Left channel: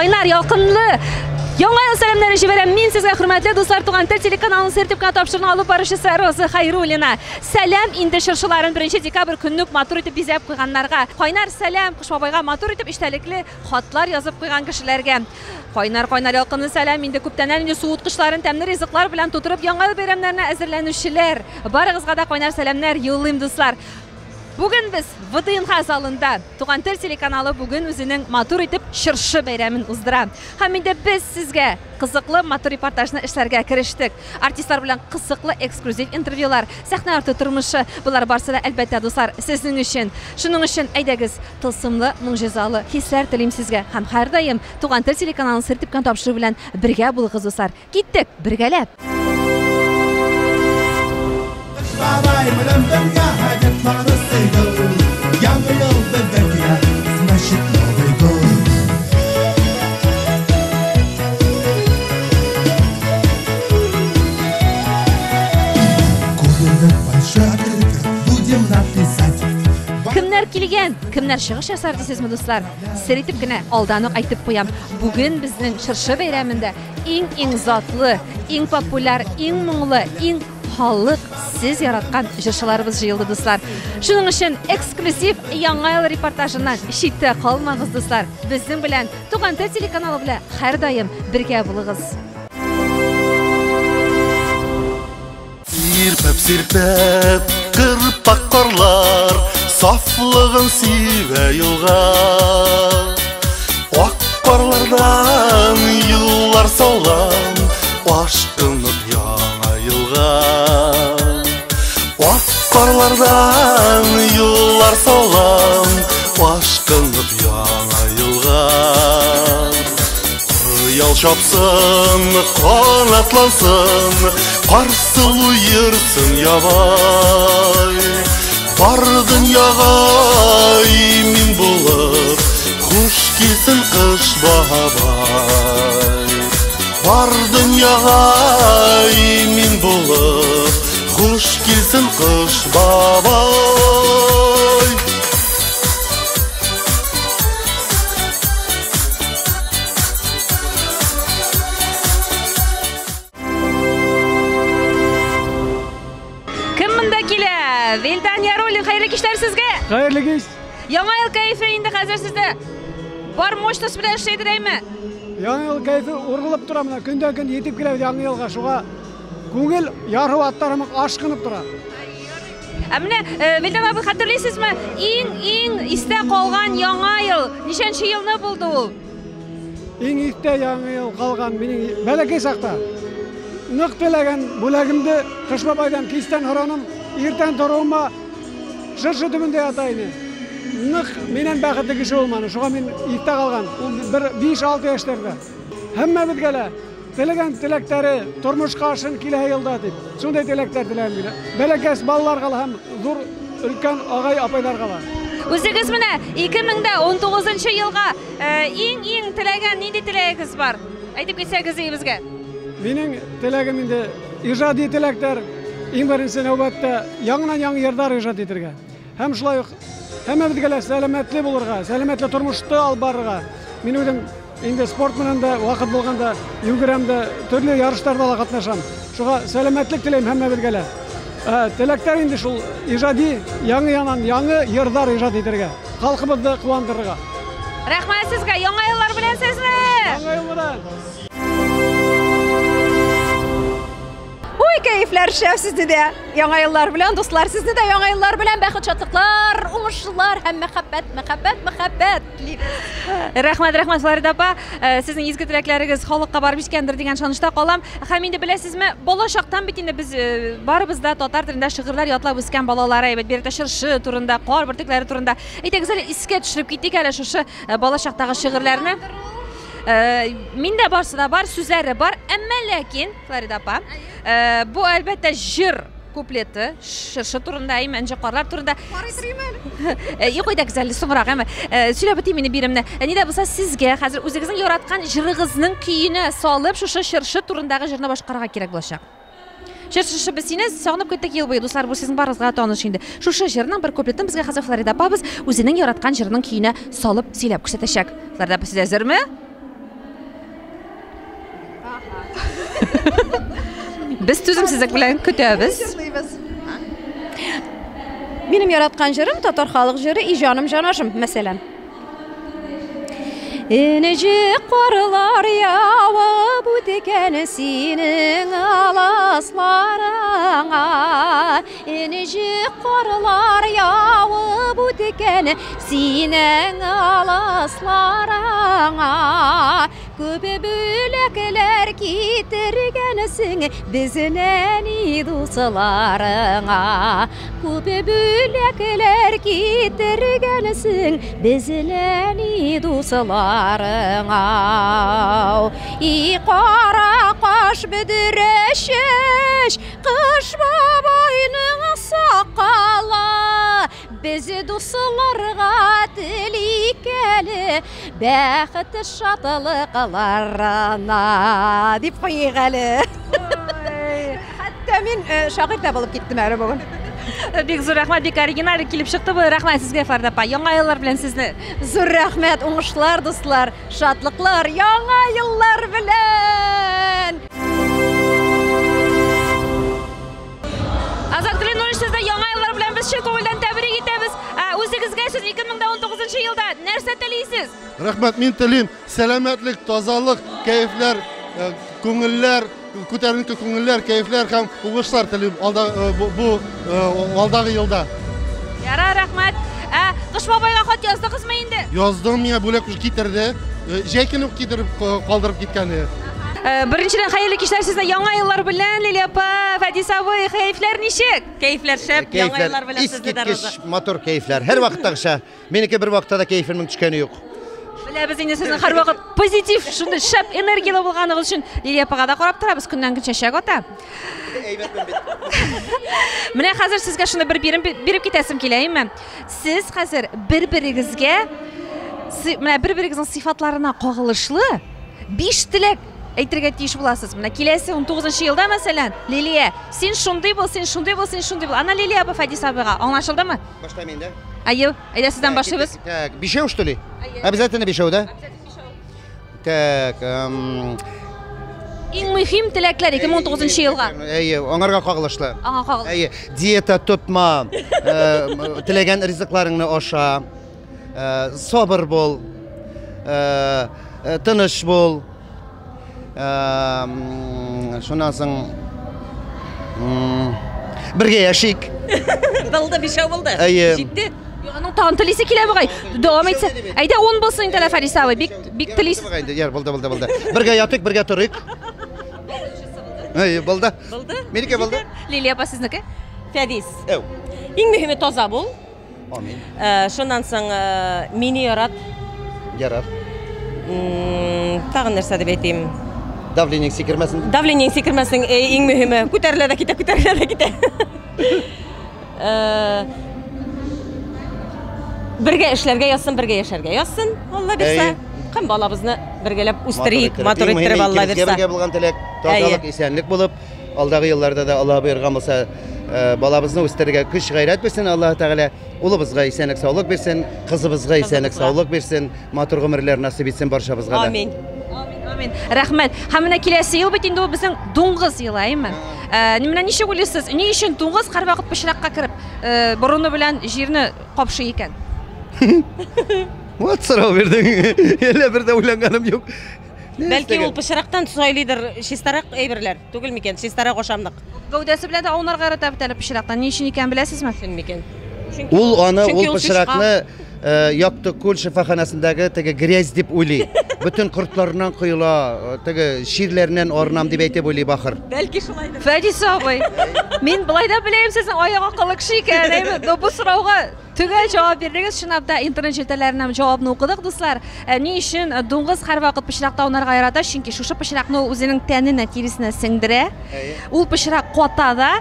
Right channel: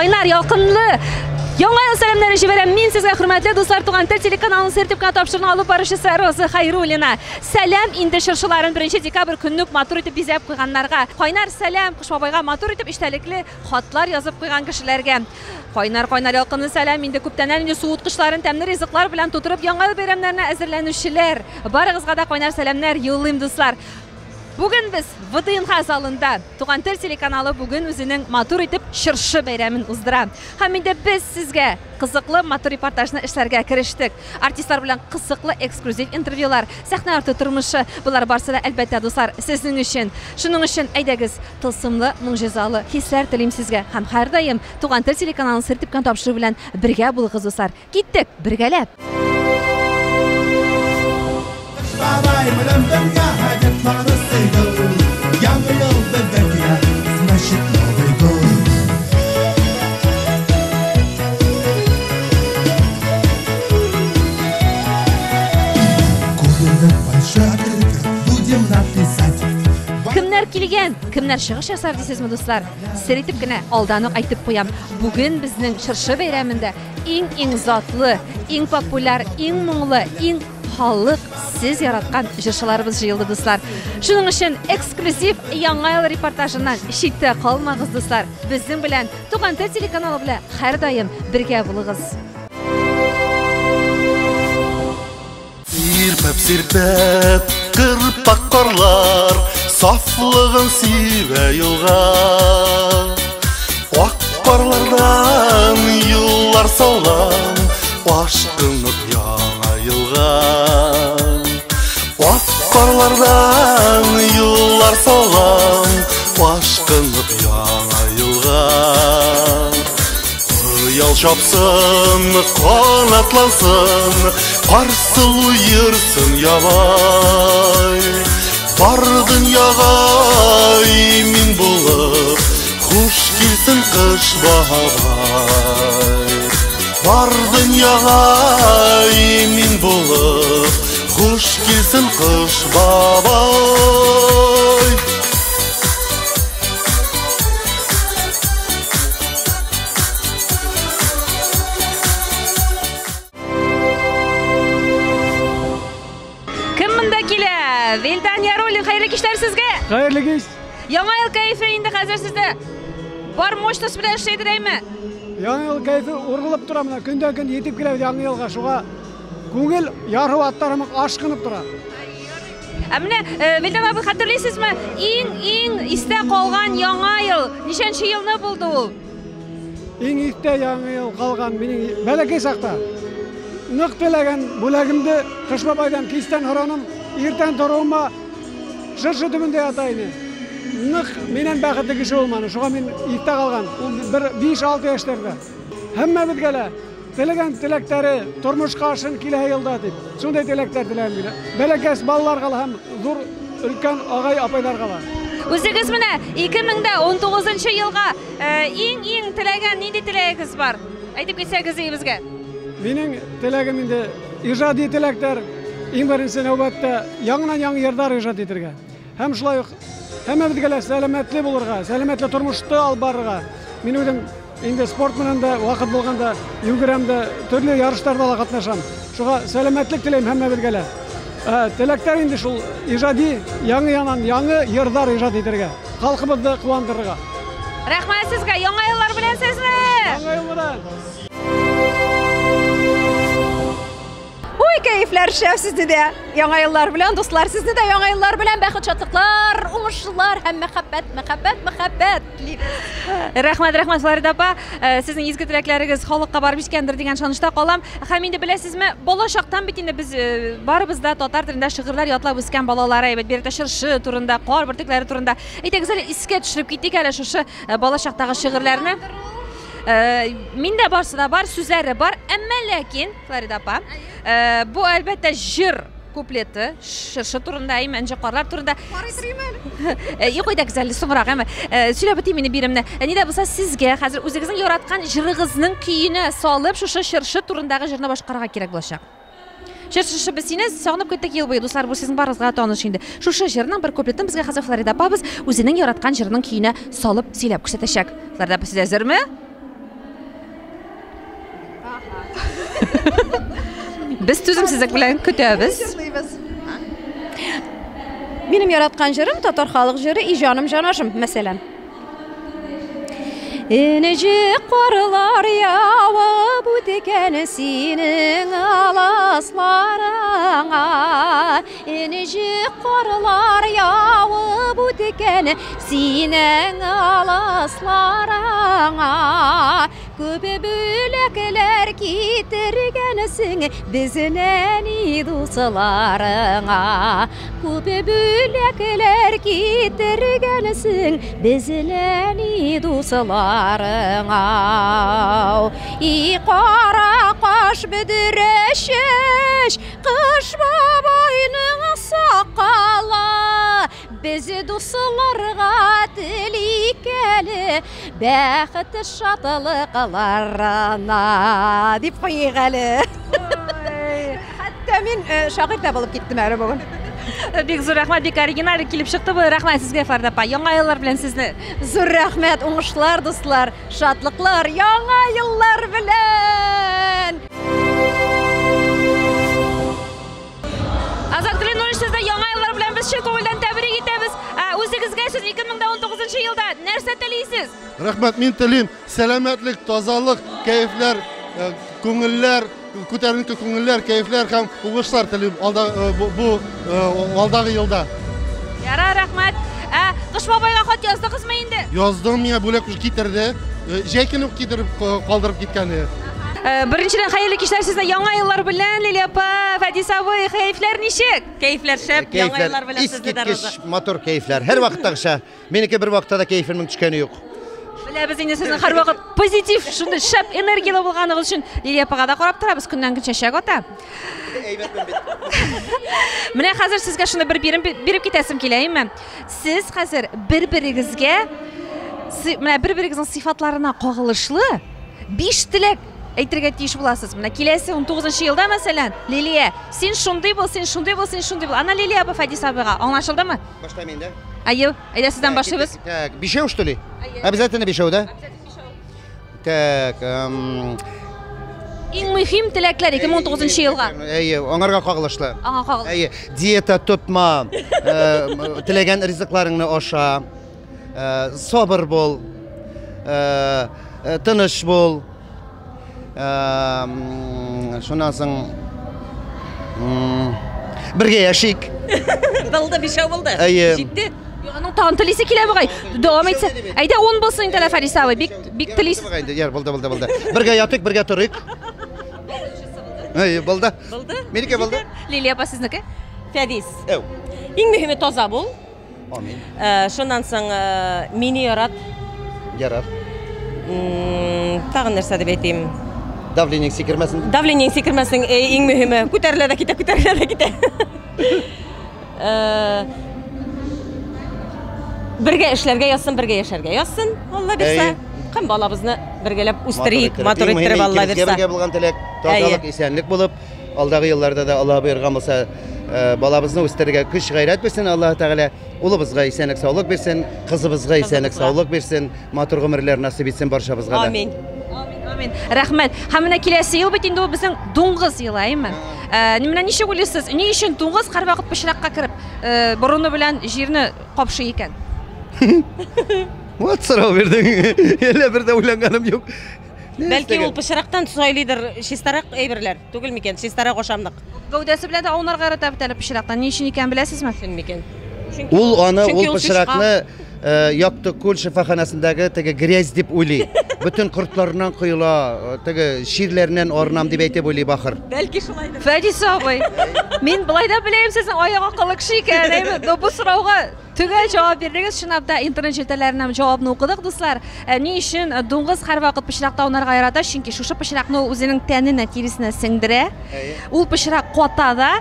Кайнар ялкынлы Яңа ел сәламнәрен җибәрәм мин сезгә, хөрмәтле дуслар, Туган тел телеканалының сертификат тапшыруын алып баручысы Роза Хәйруллина. Сәлам инде шыршыларын 1 декабрь көннек матур итеп бизәп куйганнарга. Кайнар сәлам Кыш бабайга матур итеп иштәлекле хатлар язып куйган кешеләргә. Кайнар ялкынлы сәлам инде күптәннән инде суыткычларын тәмле ризыклар белән тутырып яңа ел бәйрәмнәренә әзерләнүчеләр. Барыгызга да кайнар сәламнәр юллыйм дуслар. Бүген без ВДНХ залында Туган тел телеканалы бүген үзенең матур итеп чыршы бәйрәмен уздыра. Һәм инде без сезгә кызыклы матур репортажны эшләргә керештек. Артистлар белән кызыклы эксклюзив интервьюлар, сәхнә арты тормышы, булар барысы да әлбәттә дуслар сезнең өчен. Шуның өчен әйдәгез, тылсымлы, моңҗизалы хисләр телим сезгә һәм һәрдаим Туган тел телеканалының сертификат тапшыру белән бергә булыгыз дуслар. Киттек, бергәләп. Кемнәр килгән, кемнәр чыгыш ясар дисезме дуслар? Сер итеп кенә алдан ук әйтеп куям. Бүген безнең чыршы бәйрәмендә иң затлы, иң популяр, иң моңлы, иң халык сез яраткан җырчыларыбыз җыелды дуслар. Шуның өчен эксклюзив яңа ел репортажыннан читтә калмагыз дуслар. Безнең белән Туган тел телеканалы белән һәрдаим бергә булыгыз. Сирпәп, кырпак карлар, сафлыгын сибә юлга. Ак карлардан юллар салам, ашкынып яңа елга. Ак карлардан юллар салам, ашкынып яңа елга. Ял чапсын, канатлансын, Карсылу йырсын ябай. Бар дөньяга мин булып, Хуш килсен кыш бабай. Бар дөньяга мин булып, Хуш килсен кыш бабай. Вилдан Яруллин, хәерле кичләр сезгә. Хәерле кич. Яңа ел кайфы инде хәзер сездә. Бар мощность белән эшләйдерәйме? Яңа ел кайфы ургылып тора менә, көндән-көн yetib килә яңа елга. Шуңа күңел яру аттарым ашкынып тора. Менә Вилдан абый, хәтерлисезме? Иң истә калган яңа ел ничәнче елны булды ул? Иң истә яңа ел калган минем бәләкәй сакта. Нык теләгән бүләгемде Кыш бабайдан кистән хораным. Иртән торуыма шыршы төбендә ята иде. Нык менен бәхетле кеше булманы. Шуңа мин иртә калган. Ул 5-6 яшьләрдә. Һәммәбезгә лә теләгән теләктәре тормышка ашын килә елда дип. Шундай теләктәр теләм мин. Бәләкәс балаларга һәм зур өлкән агай апайларга ла. Үзегез менә 2019 елга иң теләгән нинди теләгегез бар? Әйтеп китсәгез безгә. Минем теләгем инде иҗади теләктәр. Иң беренче нәүбәттә яңа йырдар иҗат итәргә. Һәм шулай ук һәммәбезгә лә сәламәтле булырга, сәламәтле тормышты алып барырга. Мин үзем инде спорт менән дә вакыт булганда йөгерәм дә, төрле ярышларда да катнашам. Шуңа сәламәтлек теләйм һәммәбезгә лә. Теләктәр инде шул иҗади яңа йырдар иҗат итәргә, халкыбызны куандырырга. Рәхмәт сезгә, яңа еллар белән сезне. Яңа ел белән. Keyifler şef sizde de yaңа yıllar bilen dostlar sizde de yaңа yıllar bilen бәхет шатлыклар, уңышлар һәм мәхәббәт. Рәхмәт Флорида апа, сезнең изге теләкләрегез халыкка барып җиткәндер дигән шанышта калам. Һәм инде беләсезме, балачактан бит инде без барыбыз да татар телендә шигырьләр ятлап үскән балалар, әйбәт бирдә чыршы турында, кар бөртекләре турында. Әйтегез әле искә төшереп киттек әле шушы балачактагы шигырьләрне. Миндә барсы да бар, сүзләре бар, әмма ләкин Флорида апа, бу әлбәттә җыр куплеты, чыршы турында, әймәнҗе карлар турында. Юк, әйтегез әле соңрак, әмма сөйләп битим мине биремне. Нидә булса сезгә хәзер үзегезнең яраткан җырыгызның көенә салып, шушы чыршы турындагы җырны башкарырга кирәк булачак. Чыршы без сине сагынып киттек ел буе, дуслар, бу сезнең барыгызга таныш инде. Шушы җырның бер куплетын безгә хәзер Флорида апабыз үзенең яраткан җырының көенә салып сөйләп күрсәтәчәк. Флорида апа, сез әзерме? Biz түзімсіздік білән күтәбіз. Benim yaratkan jırım Tatar halk jırı icanım canaşım mesela. İnecik qarlar yava bu dikeni senin alaslarına. İnecik qarlar yava bu dikeni senin alaslarına. Köpe bülekler getirgensin bizden dostlarına. Köpe bülekler getirgensin bizden dostlarına. Qara qaş bidireşeş qış babayının saqala. Bizi dostlarga tilikeli bəxt şatılıqlarına dip qoyğalı. Hatta men şagird da болып кеттім әрі бүгін. Бек зор рахмат, бек оригинал келіп шықты бұл. Рахмат сізге Фарида апа. Яңа еллар белән сезне. Зор рахмат, уңышлар дуслар, шатлыклар, яңа еллар белән. Азат Кленович, сезне яңа еллар белән без чын күңелдән тәбрик итәбез. Үзегезгә сез 2019 елда нәрсә телисез? Рахмат, мен телим сәламәтлек, тазалык, кәефләр, күңелләр, күтәренке күңелләр, кәефләр һәм уңышлар телим алдағы елда. Яра, рахмат. Кыш бабайга хат яздыгызмы инде? Яздым, миңа бүләк китерде. Җәйкене китереп калдырып киткәне. Беренчедән хәерле кичләр сезне яңа еллар белән, Лилия апа, Фәдис абый, кәефләр ничек? Кәефләр шәп, яңа еллар белән сезне дә разы. Мотор кәефләр. Һәр вакыттагыча. Минеке бер вакытта да кәефемнең төшкәне юк. Беләбез инде сезнең һәрвакыт позитив, шундый шәп энергиялы булганыгыз өчен Лилия апага да карап торабыз, көннән көн чәчәк ата. Менә хәзер сезгә шуны биреп китәсем килә, әйме? Сез хәзер бер-берегезгә, менә бер-берегезнең сыйфатларына кагылышлы 5 теләк әйтергә тиеш буласыз. Менә киләсе 19 елда мәсәлән, Лилия, син шундый бул, син шундый бул, син шундый бул. Ана Лилия апа Фәдис абыга аңлашылдымы? Башлайм инде. Айо, әйдә сездән башлыйбыз. Так, бишәү что ли? Обязательно бишәү, да? Так, Иң мөһим теләкләр 2019 елга. Әйе, аңарга кагылышлы. Аңа кагылышлы. Әйе, диета тотма, теләгән ризыкларыңны аша, сабыр бул, тыныч бул. Шуннан соң бергә яшик. Булды, бишәү булды. Җитте. Аның тагын телисе килә бугай. Дәвам итсә. Әйдә 10 булсын инде Фәдис абый. Бик телис. Яр, булды. Бергә ятык, бергә торыйк. Әйе, булды. Булды? Минеке булды. Лилия апа сезнеке? Фәдис. Әу. Иң мөһиме таза бул. Амин. Шуннан соң мине ярат. Ярар. Тагын нәрсә дип әйтим? Давление сикермәсен. Давление сикермәсен иң мөһиме. Күтәрелә дә китә. Бергә эшләргә язсын, бергә яшәргә язсын. Алла бирсә, һәм балабызны бергәләп үстерик, мотор иттереп Алла бирсә. Бергә булган теләк, тазалык, исәнлек булып, алдагы елларда да Алла биргән булса, балабызны үстерергә көч гайрәт бирсен Аллаһ Тәгалә. Улыбызга исәнлек, саулык бирсен, кызыбызга исәнлек, саулык бирсен, матур гомерләр насыйп итсен барчабызга да. Амин. Амин. Рәхмәт. Һәм менә киләсе ел бит инде ул безнең дуңгыз елы, әйме? Менә ничек уйлыйсыз? Ни өчен дуңгыз һәрвакыт пычракка кирип, борыны белән җирне капшый икән? Вот сорау бирдең. Әллә бер дә уйланганым юк. Бәлки ул пычрактан сайлыйдыр, чистарак әйберләр. Түгел микән? Чистарак ашамлык. Гәүдәсе белән дә аунарга ярата бит әле пычрактан. Ни өчен икән беләсезме? Шун микән? Ул пычракны Якты күл шифаханасындагы теге грязь дип уйлый. Бүтән кортларыннан кыйла, теге ширләреннән арынам дип әйтеп уйлый бахыр. Бәлки шулайдыр. Фәдис абый, мин былай да беләм сезнең аяк акыллы кеше икән, әйме? Бу сорауга төгәл җавап бирдегез. Чынлап да интернет җитәләреннән җавапны укыдык, дуслар. Ни өчен дуңгыз һәрвакыт пычракта аунарга ярата? Чөнки шушы пычракны үзенең тәненә, тиресенә сеңдерә. Ул пычрак ката да,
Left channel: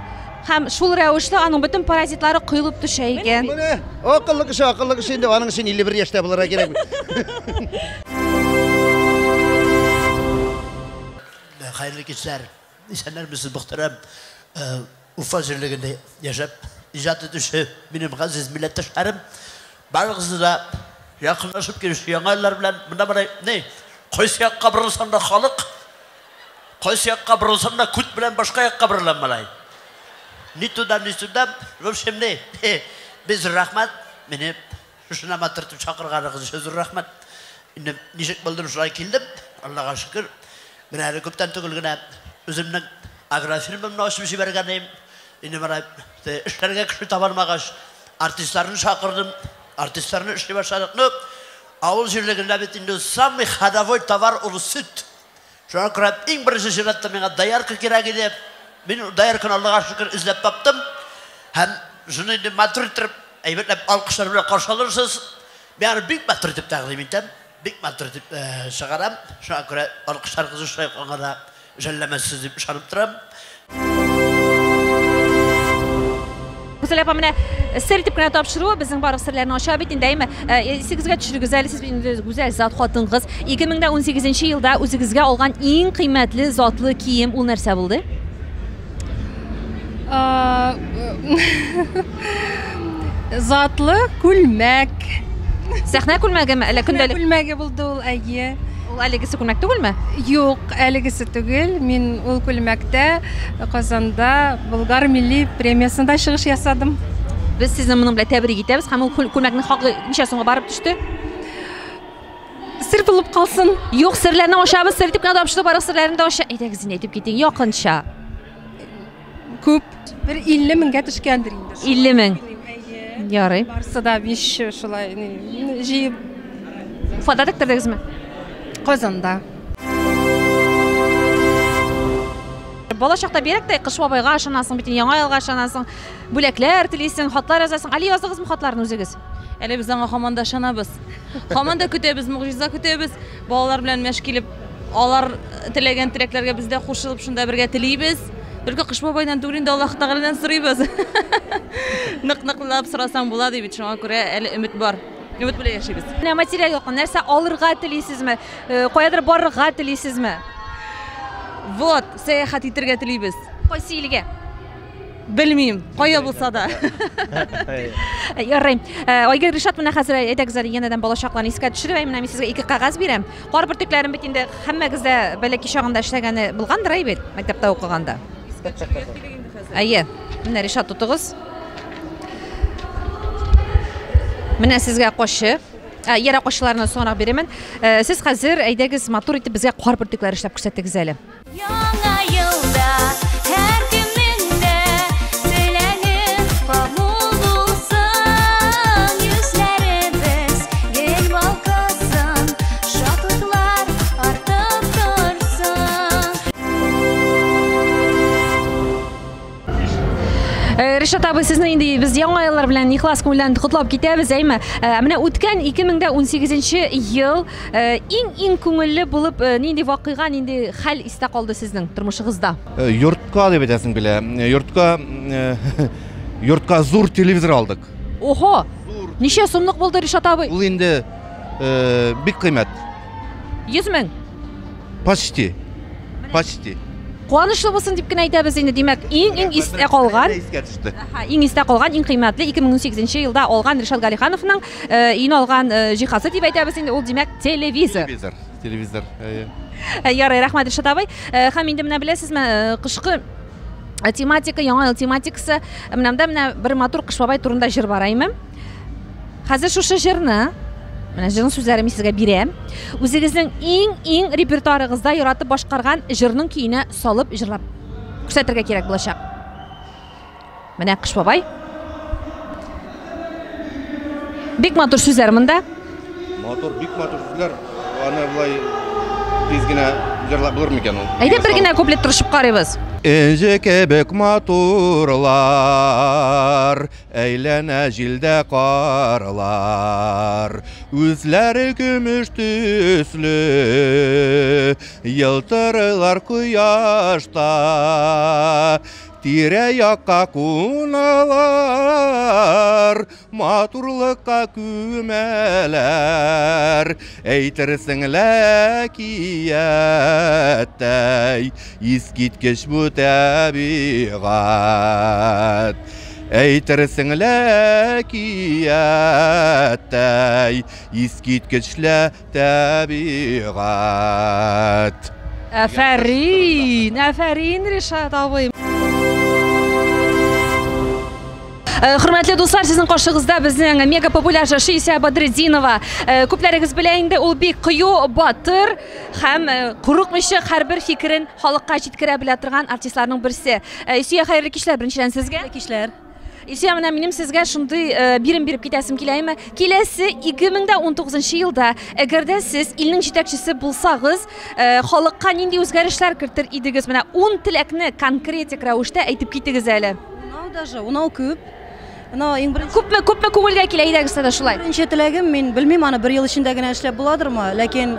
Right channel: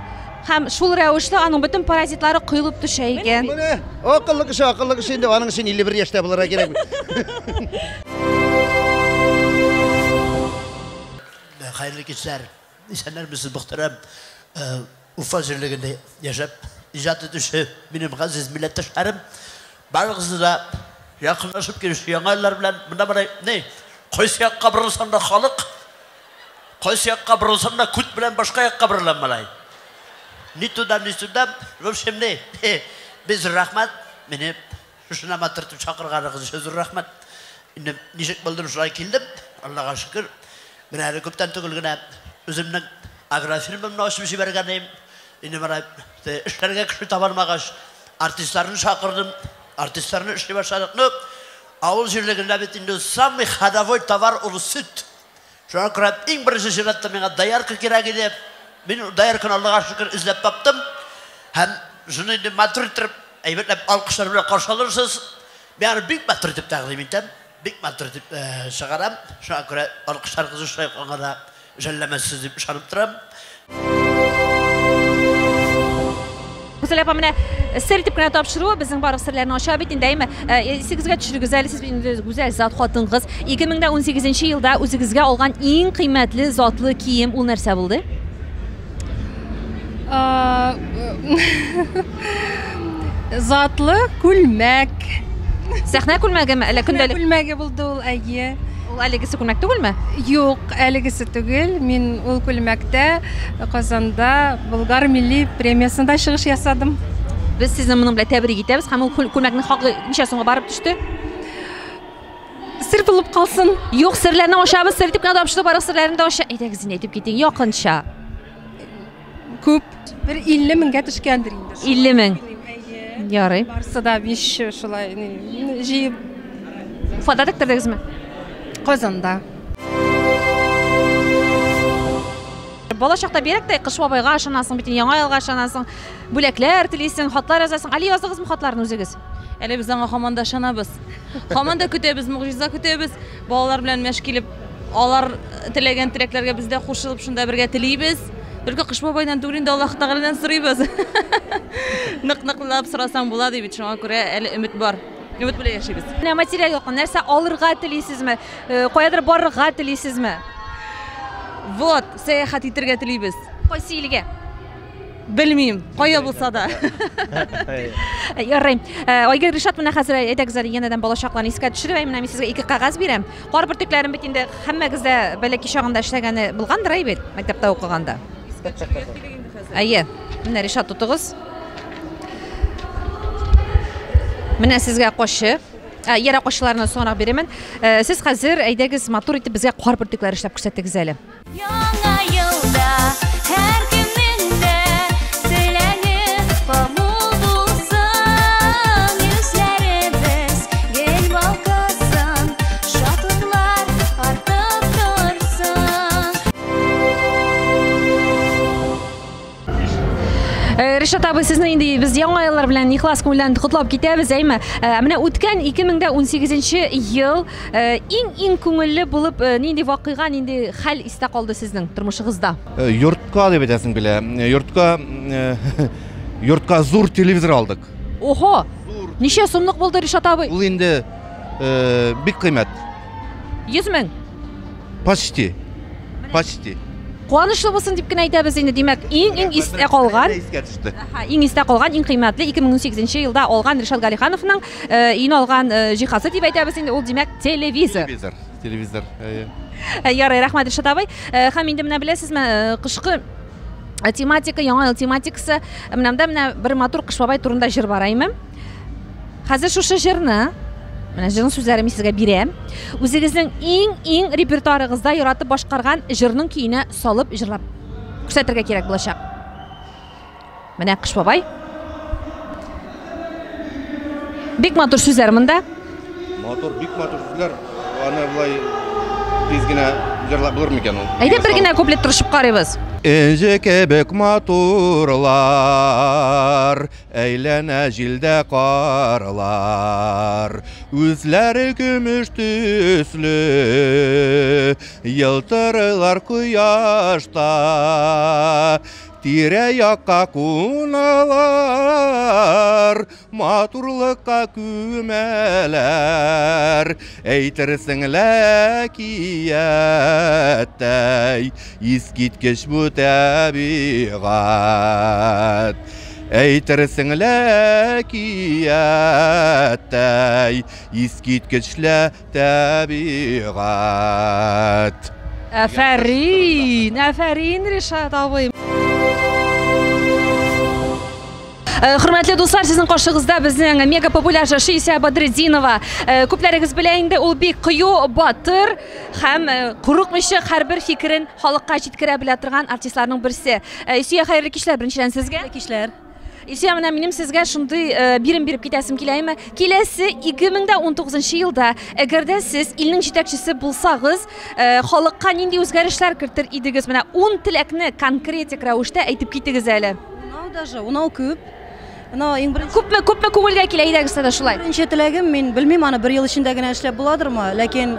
һәм шул рәвешле аның бөтен паразитлары кыйлып төшә икән. Менә акыллы кеше инде аның өчен 51 яшьтә булырга кирәк. Hayırlı kişiler, insanlar mısın muhterem Urfa Zirliğinde yaşayıp icat edişi benim aziz milletteşlerim bazısı da yakınlaşıp girişi yanaylar bilen bunda ne koysiyak kabrısında halık Qaysi yoqqa burulsam da kut bilan boshqa yoqqa burilaman. Ni tudam. В общем, biz rahmat. Meni shuna matirtib chaqirganingiz uchun rahmat. Endi nishik bo'ldim shulay keldim. Allohga shukr. Men hali ko'pdan tugilgina o'zimning agrofirmamni ochib berganim. Endi mana ishlarga kuch topolmagach, artistlarni chaqirdim. Artistlarni ishga boshladik. Avul yerligida bitindi sammi xadavoy tovar ul süt. Şuna ko'ra eng birinchi jiratda menga dayarka kerak edi. Men dayarkani Allohga shukr izlab topdim. Ham shuni endi maturtirib, aybitlab olqishlar bilan qarshi olursiz. Men big matur deb taqdim etam. Big matur deb chiqaram. Shuna ko'ra olqishlaringizni ushlay qolganda jallamaysiz deb ishonib turaman. Güzel yapamına sır tipine topşırıyor bizim barıq sırlarını aşağı bitin deymi. Sizge düşürü güzel, siz güzel zat xatınız. 2018 yılda özünüzge olğan en kıymetli zatlı kiyim o nersə buldu? Zatlı külmek. Sahne külmege mi? Külmege buldu ol ayı. Ol əligisi külmek değil mi? Yok, əligisi tügül. Min ol külmekte Kazanda Bulgar Milli Premiyasında çıkış yasadım. Biz sizin bununla tebrik ederiz. Hem o külmeknin hakkı neçə sonra barıp düştü? Sır bulup kalsın. Yok sırlarını aşağı biz sır tipine topşırıyor barıq sırlarını da aşağı. Edegizin edip gidin yakınça. Köp. Bir 50 minge düşkendir indir. 50 min. Yarı. Varsa da 5 şulay jiyip. Ufada diktirdiniz mi? Kazanda. Bolacaqda berek de qış babayga aşanasın, bitin yaڭa yılga aşanasın. Bülekler tileysin, hatlar yazasın. Ali yazdığınız mı hatlarını özünüz? Ele biz аңа хаманда шанабыз. Хаманда көтөбүз, мугжиза көтөбүз. Балалар белән мәшкилеп, алар теләгән теләкләргә без дә кушылып шунда бергә телибез. Бәлки Кыш бабайдан түгел инде Аллаһ Тәгаләдән сорыйбыз. Нык-ныклап сорасаң була дип шуңа күрә әле өмет бар. Өмет белән яшибез. Менә материал юк, нәрсә алырга телисезме? Каядыр барырга телисезме? Вот, сәяхәт итәргә телибез. Кайсы илгә? Белмим, кая булса да. Ярый. Айгыр Ришат менә хәзер әйтәгез әле янәдән балачакларны искә төшереп, менә мин сезгә 2 кагаз бирәм. Кар бөртекләрен бит инде һәммәгез дә бәләки чагында эшләгәне булгандыр әйбет, мәктәптә укыганда. Әйе, менә Ришат тутыгыз. Менә сезгә кашы. Яра кашларны соңрак бирәмен. Сез хәзер әйдәгез матур итеп безгә кар бөртекләре эшләп күрсәтегез әле. Яңа елда һәр көннеңдә теләгем кабул булсын, йөзләребез гел балкысын, шатлыклар артып торсын. Ришат абый, сезне инде без яңа еллар белән ихлас күңелдән котлап китәбез, әйме? Менә үткән 2018 ел иң күңелле булып нинди вакыйга, нинди хәл истә калды сезнең тормышыгызда? Йортка дип әйтәсең белә. Йортка зур телевизор алдык. Охо. Ничә сумлык булды Ришат абый? Ул инде бик кыйммәт. 100 мең. Почти. Куанычлы булсын дип кенә әйтәбез инде. Димәк, иң истә калган. Иң истә калган, иң кыйммәтле 2018 елда алган Ришат Галихановның иң алган җиһазы дип әйтәбез инде. Ул димәк телевизор. Телевизор. Ярый, рәхмәт Ришат абый. Һәм инде менә беләсезме, кышкы тематика, яңа ел тематикасы, менә бер матур Кыш бабай турында җыр бар әйме. Хәзер шушы җырны менә җырның сүзләрен сезгә бирәм. Үзегезнең иң репертуарыгызда яратып башкарган җырның көенә салып җырлап күрсәтергә кирәк булачак. Менә Кыш бабай. Бик матур сүзләр монда. Бик матур сүзләр. Аны булай тиз генә җырлап булыр микән ул? Әйдә бер генә куплет тырышып карыйбыз. Энҗе кебек матурлар, әйләнә җилдә карлар, үзләре көмеш төсле, ялтырыйлар кояшта, тирә-якка куналар, матурлыкка күмәләр, әйтерсең ләкияттәй, искиткеч бу табигать. Әйтерсең ләкияттәй, искиткечле табигать. Афарин, Ришат абый. Hürmetli dostlar, sizin qarşınızda bizning mega populyar Шия Badreddinova. Ko'plarimiz bilan endi ul bek qiyu, botir ham quruq mishiq har bir fikrin xalqqa yetkira bila turgan artistlarning birisi. Şia xayrli kishlar birinchidan sizga. Kishlar. Şia menim sizga shunday birim berib ketasim kelaymi? Kelasi 2019-yilda agarda siz ilning yetakchisi bo'lsangiz, xalqqa nendey o'zgarishlar kiritir edingiz? Mana 10 tilakni konkretik ravishda aytib ketingiz hali. Unau ko'p. Ko'pmi ko'ngilga kelaydi sizda shulay. Birinchi tilagim, men bilmayman, bir yil ichindagina ishlab bo'ladimi, lekin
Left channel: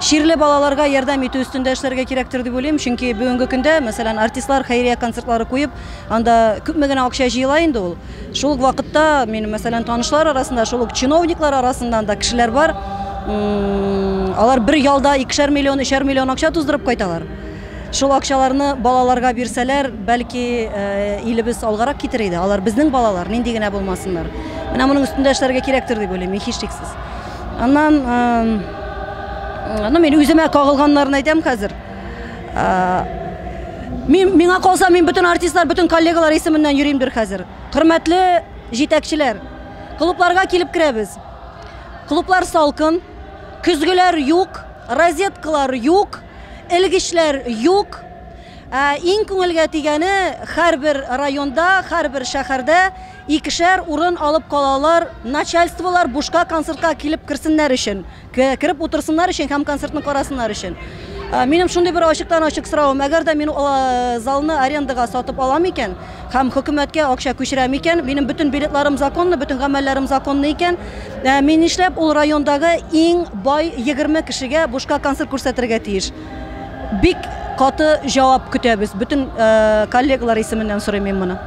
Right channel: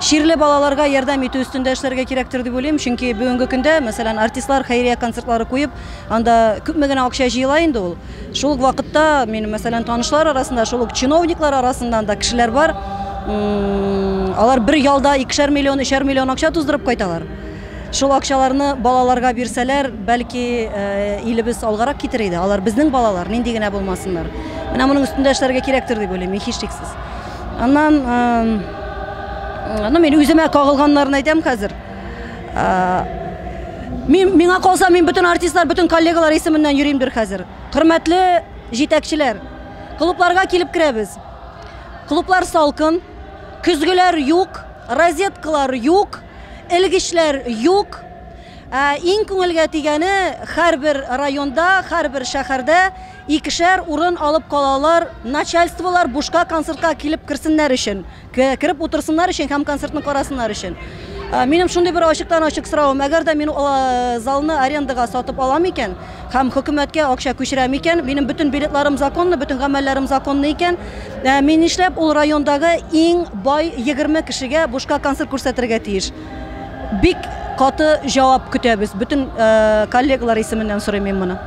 she'rli bolalarga yordam etish ustida ishlarga kerakdir deb o'ylayman, chunki bugungi kunda masalan artistlar xayriya konsertlari qo'yib, anda ko'pmagina ақша jiylaydi ul. Shul vaqtda men masalan tanishlar orasida, shul chinovniklar orasida da kishilar bor. Ular bir yilda 2,5 million, 3 million ақша tuzdirib qo'ydilar. Шул акчаларны балаларга бирсәләр, бәлки илебез алгарак китер иде. Алар безнең балалар, нинди генә булмасыннар. Менә моның өстендә эшләргә кирәктер дип уйлыйм, һичшиксез. Аннан мен үземә кагылганнарны әйтәм хәзер. Миңа калса, мин бөтен артистлар, бөтен коллегалар исеменнән йөрим хәзер. Хөрмәтле җитәкчеләр, клубларга килеп керәбез. Клублар салкын, көзгеләр юк, розеткалар юк. Ilgişler yok. İn көңелгә тигәне һәр бер районда, һәр бер шәһәрдә 2шәр урын алып калалар, начальстволар бушка концертка килеп кирсеннәр өчен, кирип утырсыннар өчен һәм концертны карасыннар өчен. Минем шундый бер ачыктан-ачык соравым, әгәр дә мин залны арендага сатып алам икән, һәм хөкүмәткә акча күчерәм икән, минем бөтен билетларым законлы, бөтен гамәлләрем законлы икән, мин нишләп ул райондагы иң бай 20 кешегә бушка концерт күрсәтергә тиеш? Бик каты җавап көтәбез. Bütün коллегалар исеменнән сорыйм мин моны.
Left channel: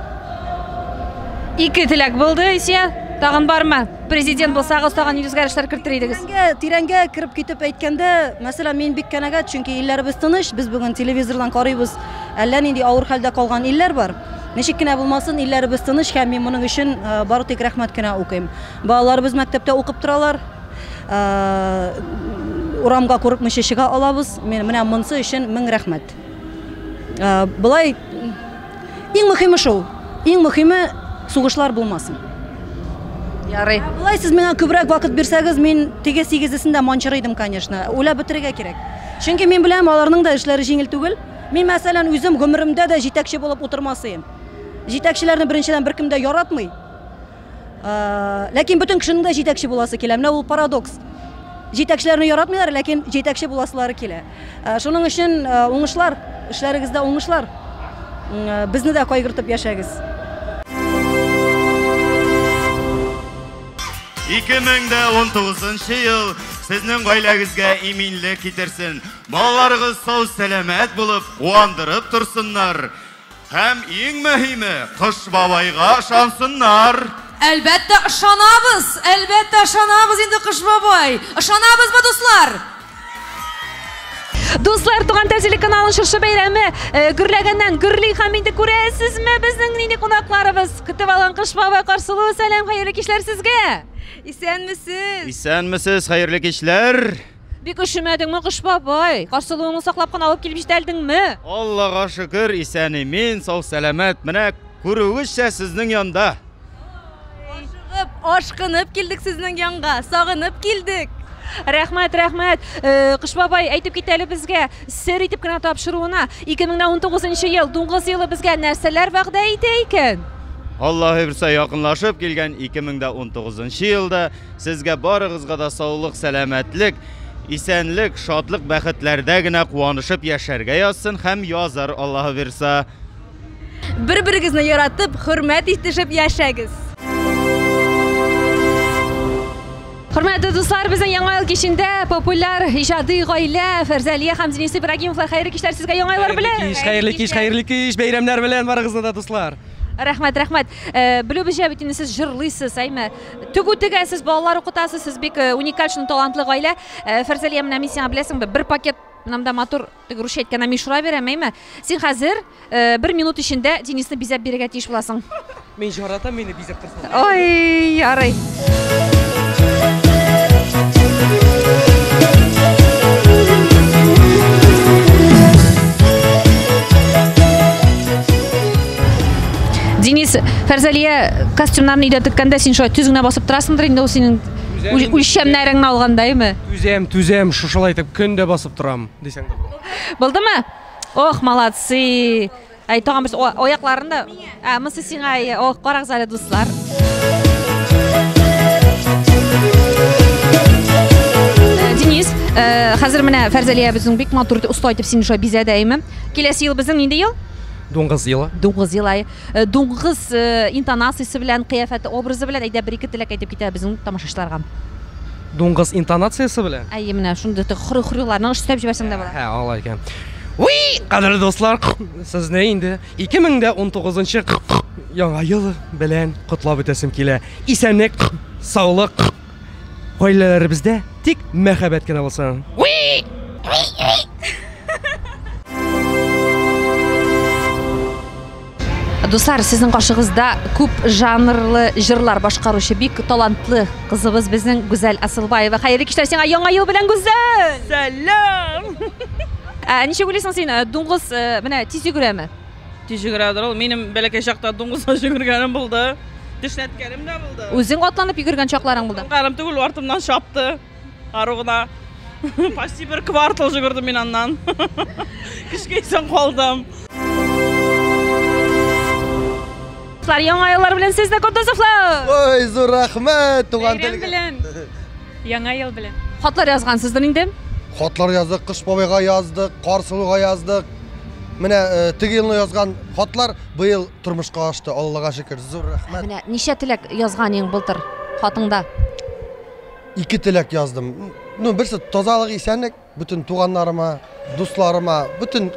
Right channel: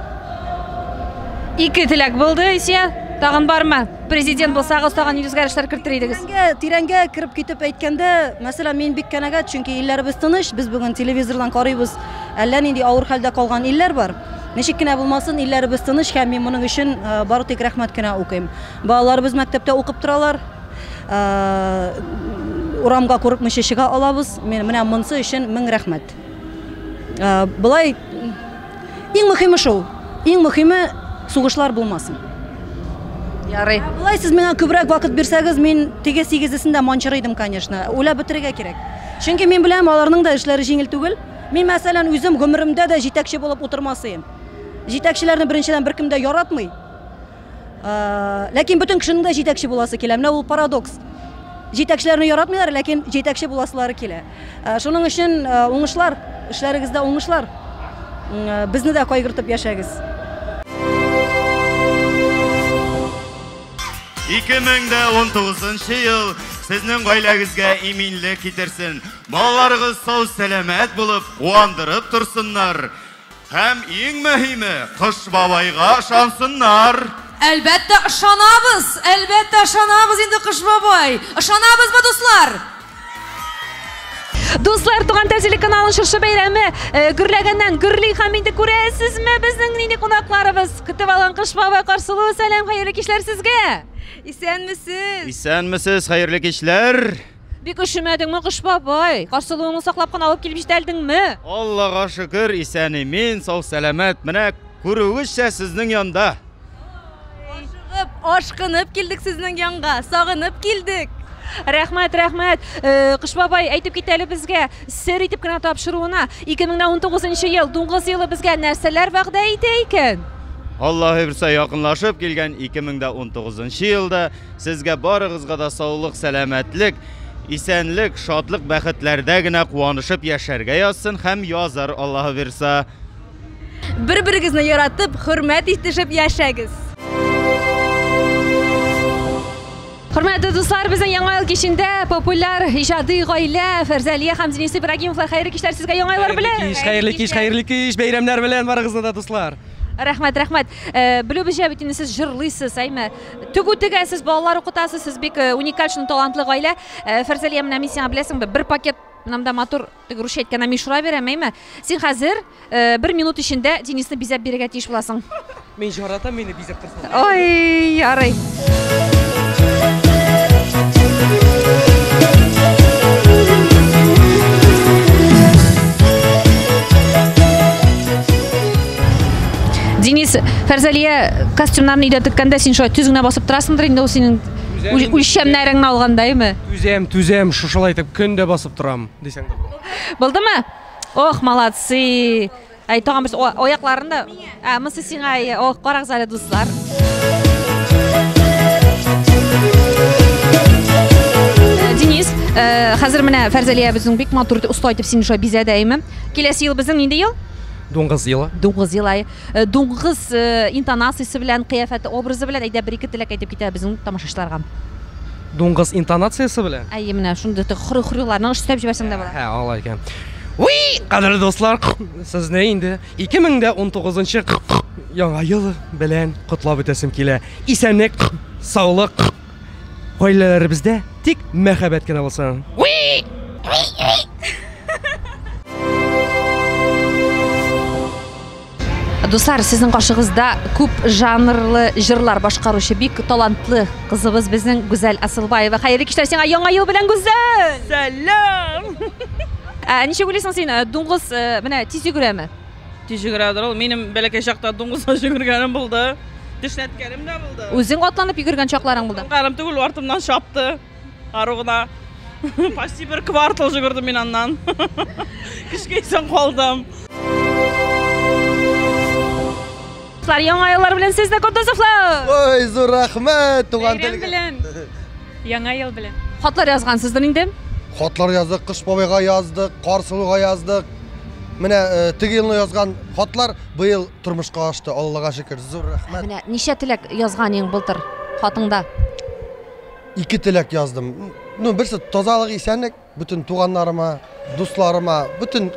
Ике теләк булды, Исия. Тагын бармы? Президент булсагыз, тагын үзгәрешләр кертер идегез. Тирәнгә кирип китеп әйткәндә, мәсәлән, мин бик канәгать, чөнки илләребез тыныч, без бүген телевизордан карыйбыз. Әллә нинди авыр хәлдә калган илләр бар. Ничек кенә булмасын, илләребез тыныч һәм мин моның өчен бары тик рәхмәт кенә укыйм. Балаларыбыз мәктәптә укып торалар. Урамга курыкмыйча чыга алабыз. Мен менә монсы өчен 1000 рәхмәт. Булай иң мөһиме шул. Иң мөһиме сугышлар булмасын. Ярый. Булай сез миңа күбрәк вакыт бирсәгез, мин теге 8-сендә манчыр идем, конечно. Уйлап бетерергә кирәк. Чөнки мин беләм, аларның да эшләре җиңел түгел. Мин мәсәлән үзем гомеремдә дә җитәкче булып утырмасым. Җитәкчеләрне беренчедән беркем дә яратмый. Ләкин бөтен кешенең дә җитәкче буласы килә. Менә ул парадокс. Җитәкчеләрне яратмыйлар, ләкин җитәкче буласылары килә. Шуның өчен уңышлар, эшләрегездә уңышлар. Безне дә кайгыртып яшәгез. 2019 ел сезнең гаиләгезгә иминлек китерсен. Балаларыгыз сау сәламәт булып, куандырып турсыннар. Һәм иң мөһиме, Кыш бабайга ышансыннар. Әлбәттә ышанабыз инде Кыш бабай. Ышанабызмы, дуслар? Дуслар, Туган телеканалының шыршы бәйрәме гөрләгәннән гөрли һәм инде күрәсезме, безнең нинди кунакларыбыз көтеп алган Кыш бабай каршылыгы. Сәлам, хәерле кичләр сезгә. Исәнмесез? Исәнмесез, хәерле кичләр. Бик üşümәдеңме, Кыш бабай? Каршылыгыңны саклап кына алып килеп җитәлдеңме? Аллага шөкер, исән мин, сау сәламәт. Менә күрүегезчә сезнең янда. Ашкынып килдек сезнең янга, сагынып килдек. Рәхмәт. Кыш бабай әйтеп кит әле безгә, сер итеп кенә тапшыруына 2019 ел, дуңгыз елы безгә нәрсәләр вәгъдә итә икән? Аллаһы бирсә, якынлашып килгән 2019 елда сезгә барыгызга да саулык, сәламәтлек, исәнлек, шатлык, бәхетләрдә генә куанышып яшәргә язсын һәм язар, Аллаһы бирсә. Бер-берегезне яратып, хөрмәт итешеп яшәгез. Hürmetli dostlar, bizning Яңа ел кичендә популяр иҗади гаилә Фәрзәлия һәм Денис Ибрагимовлар хәйрле кичләр сезгә Яңа еллар белән. Хәйрле кич, бәйрәмнәр белән барыгызны да, дуслар. Рәхмәт. Белүебезчә бит инде сез җырлыйсыз, әйме? Төгү тегәсез, балалар укытасыз, сез бик уникаль, талантлы гаилә. Фәрзәлия, менә мин сиңа беләсеңме, бер пакет Намда матур тегруш әйткән мишура бирәм, әйме? Син хәзер 1 минут эчендә Денисны бизәп бирергә тиеш буласың. Мин җаратам, мине бизәп торсын. Ой, ярый. Фәрзәлия костюмнарны өйдә теккәндә син шулай түзеңне басып торасыңдыр инде ул синең үлчәмнәреңне алгандаймы? Түзәм, шушылай итеп көндә басып торам дисәң дә. Булдымы? Ох, молодцы. Ай, тагын бер аякларында. Монсы сиңа, ох, карагыз әле дуслар. Денис, хәзер менә Фәрзәлия безнең бик матур уста итеп сине шулай бизәдәйме? Киләсе ел безнең нинди ел? 9 ел. 9 ел. 9 интонациясе белән, кыяфәте, образы белән әйдә бер-ике теләк әйтеп китә безнең тамашачыларга. 9 интонациясе белән. Әйе, менә шундый хөрүләрне эштәп җибәрсәң дә була. Һә, алай икән. Уй, кадерле достар, сезне инде 2019 яңа ел белән котлап үтәсем килә. Исәнлек, саулык, гаиләләребездә тик мәхәббәт кенә булсын. Уй! Дуслар, сезнең каршыгызда күп жанрлы җырлар башкаручы бик талантлы кызыбыз безнең Гүзәл Асылбаева. Хәерле кичләр сиңа яңа ел белән, Гүзәл! Сәлам! Ничек уйлыйсың син, 9 менә тиз йөгерәме? Тиз йөгерәдер ул. Минем бәләкәй чакта 9-та йөгергәнем булды. Тешләткәнем дә булды. Үзең атланып йөгергән чакларың булды? Карым түгел, артымнан шапты. Аругына. Почти бер квартал йөгердем мин аннан. Кичкәйсен калдым. Яңа еллар белән сезне Кутузовлар! Ой, зур рәхмәт, туган Бәйрәм белән. Яңа ел белән. Хатлар язгансыздыр инде? Хатлар яздык, Кыш бабайга яздык, Карсылуга яздык. Менә теге елны язган хатлар быел тормышка ашты, Аллага шөкер. Зур рәхмәт. Менә ничә теләк язган иң былтыр хатыңда? 2 теләк яздым. Берсе тазалык, исәнлек, бүтән туганнарыма, дусларыма, бүтән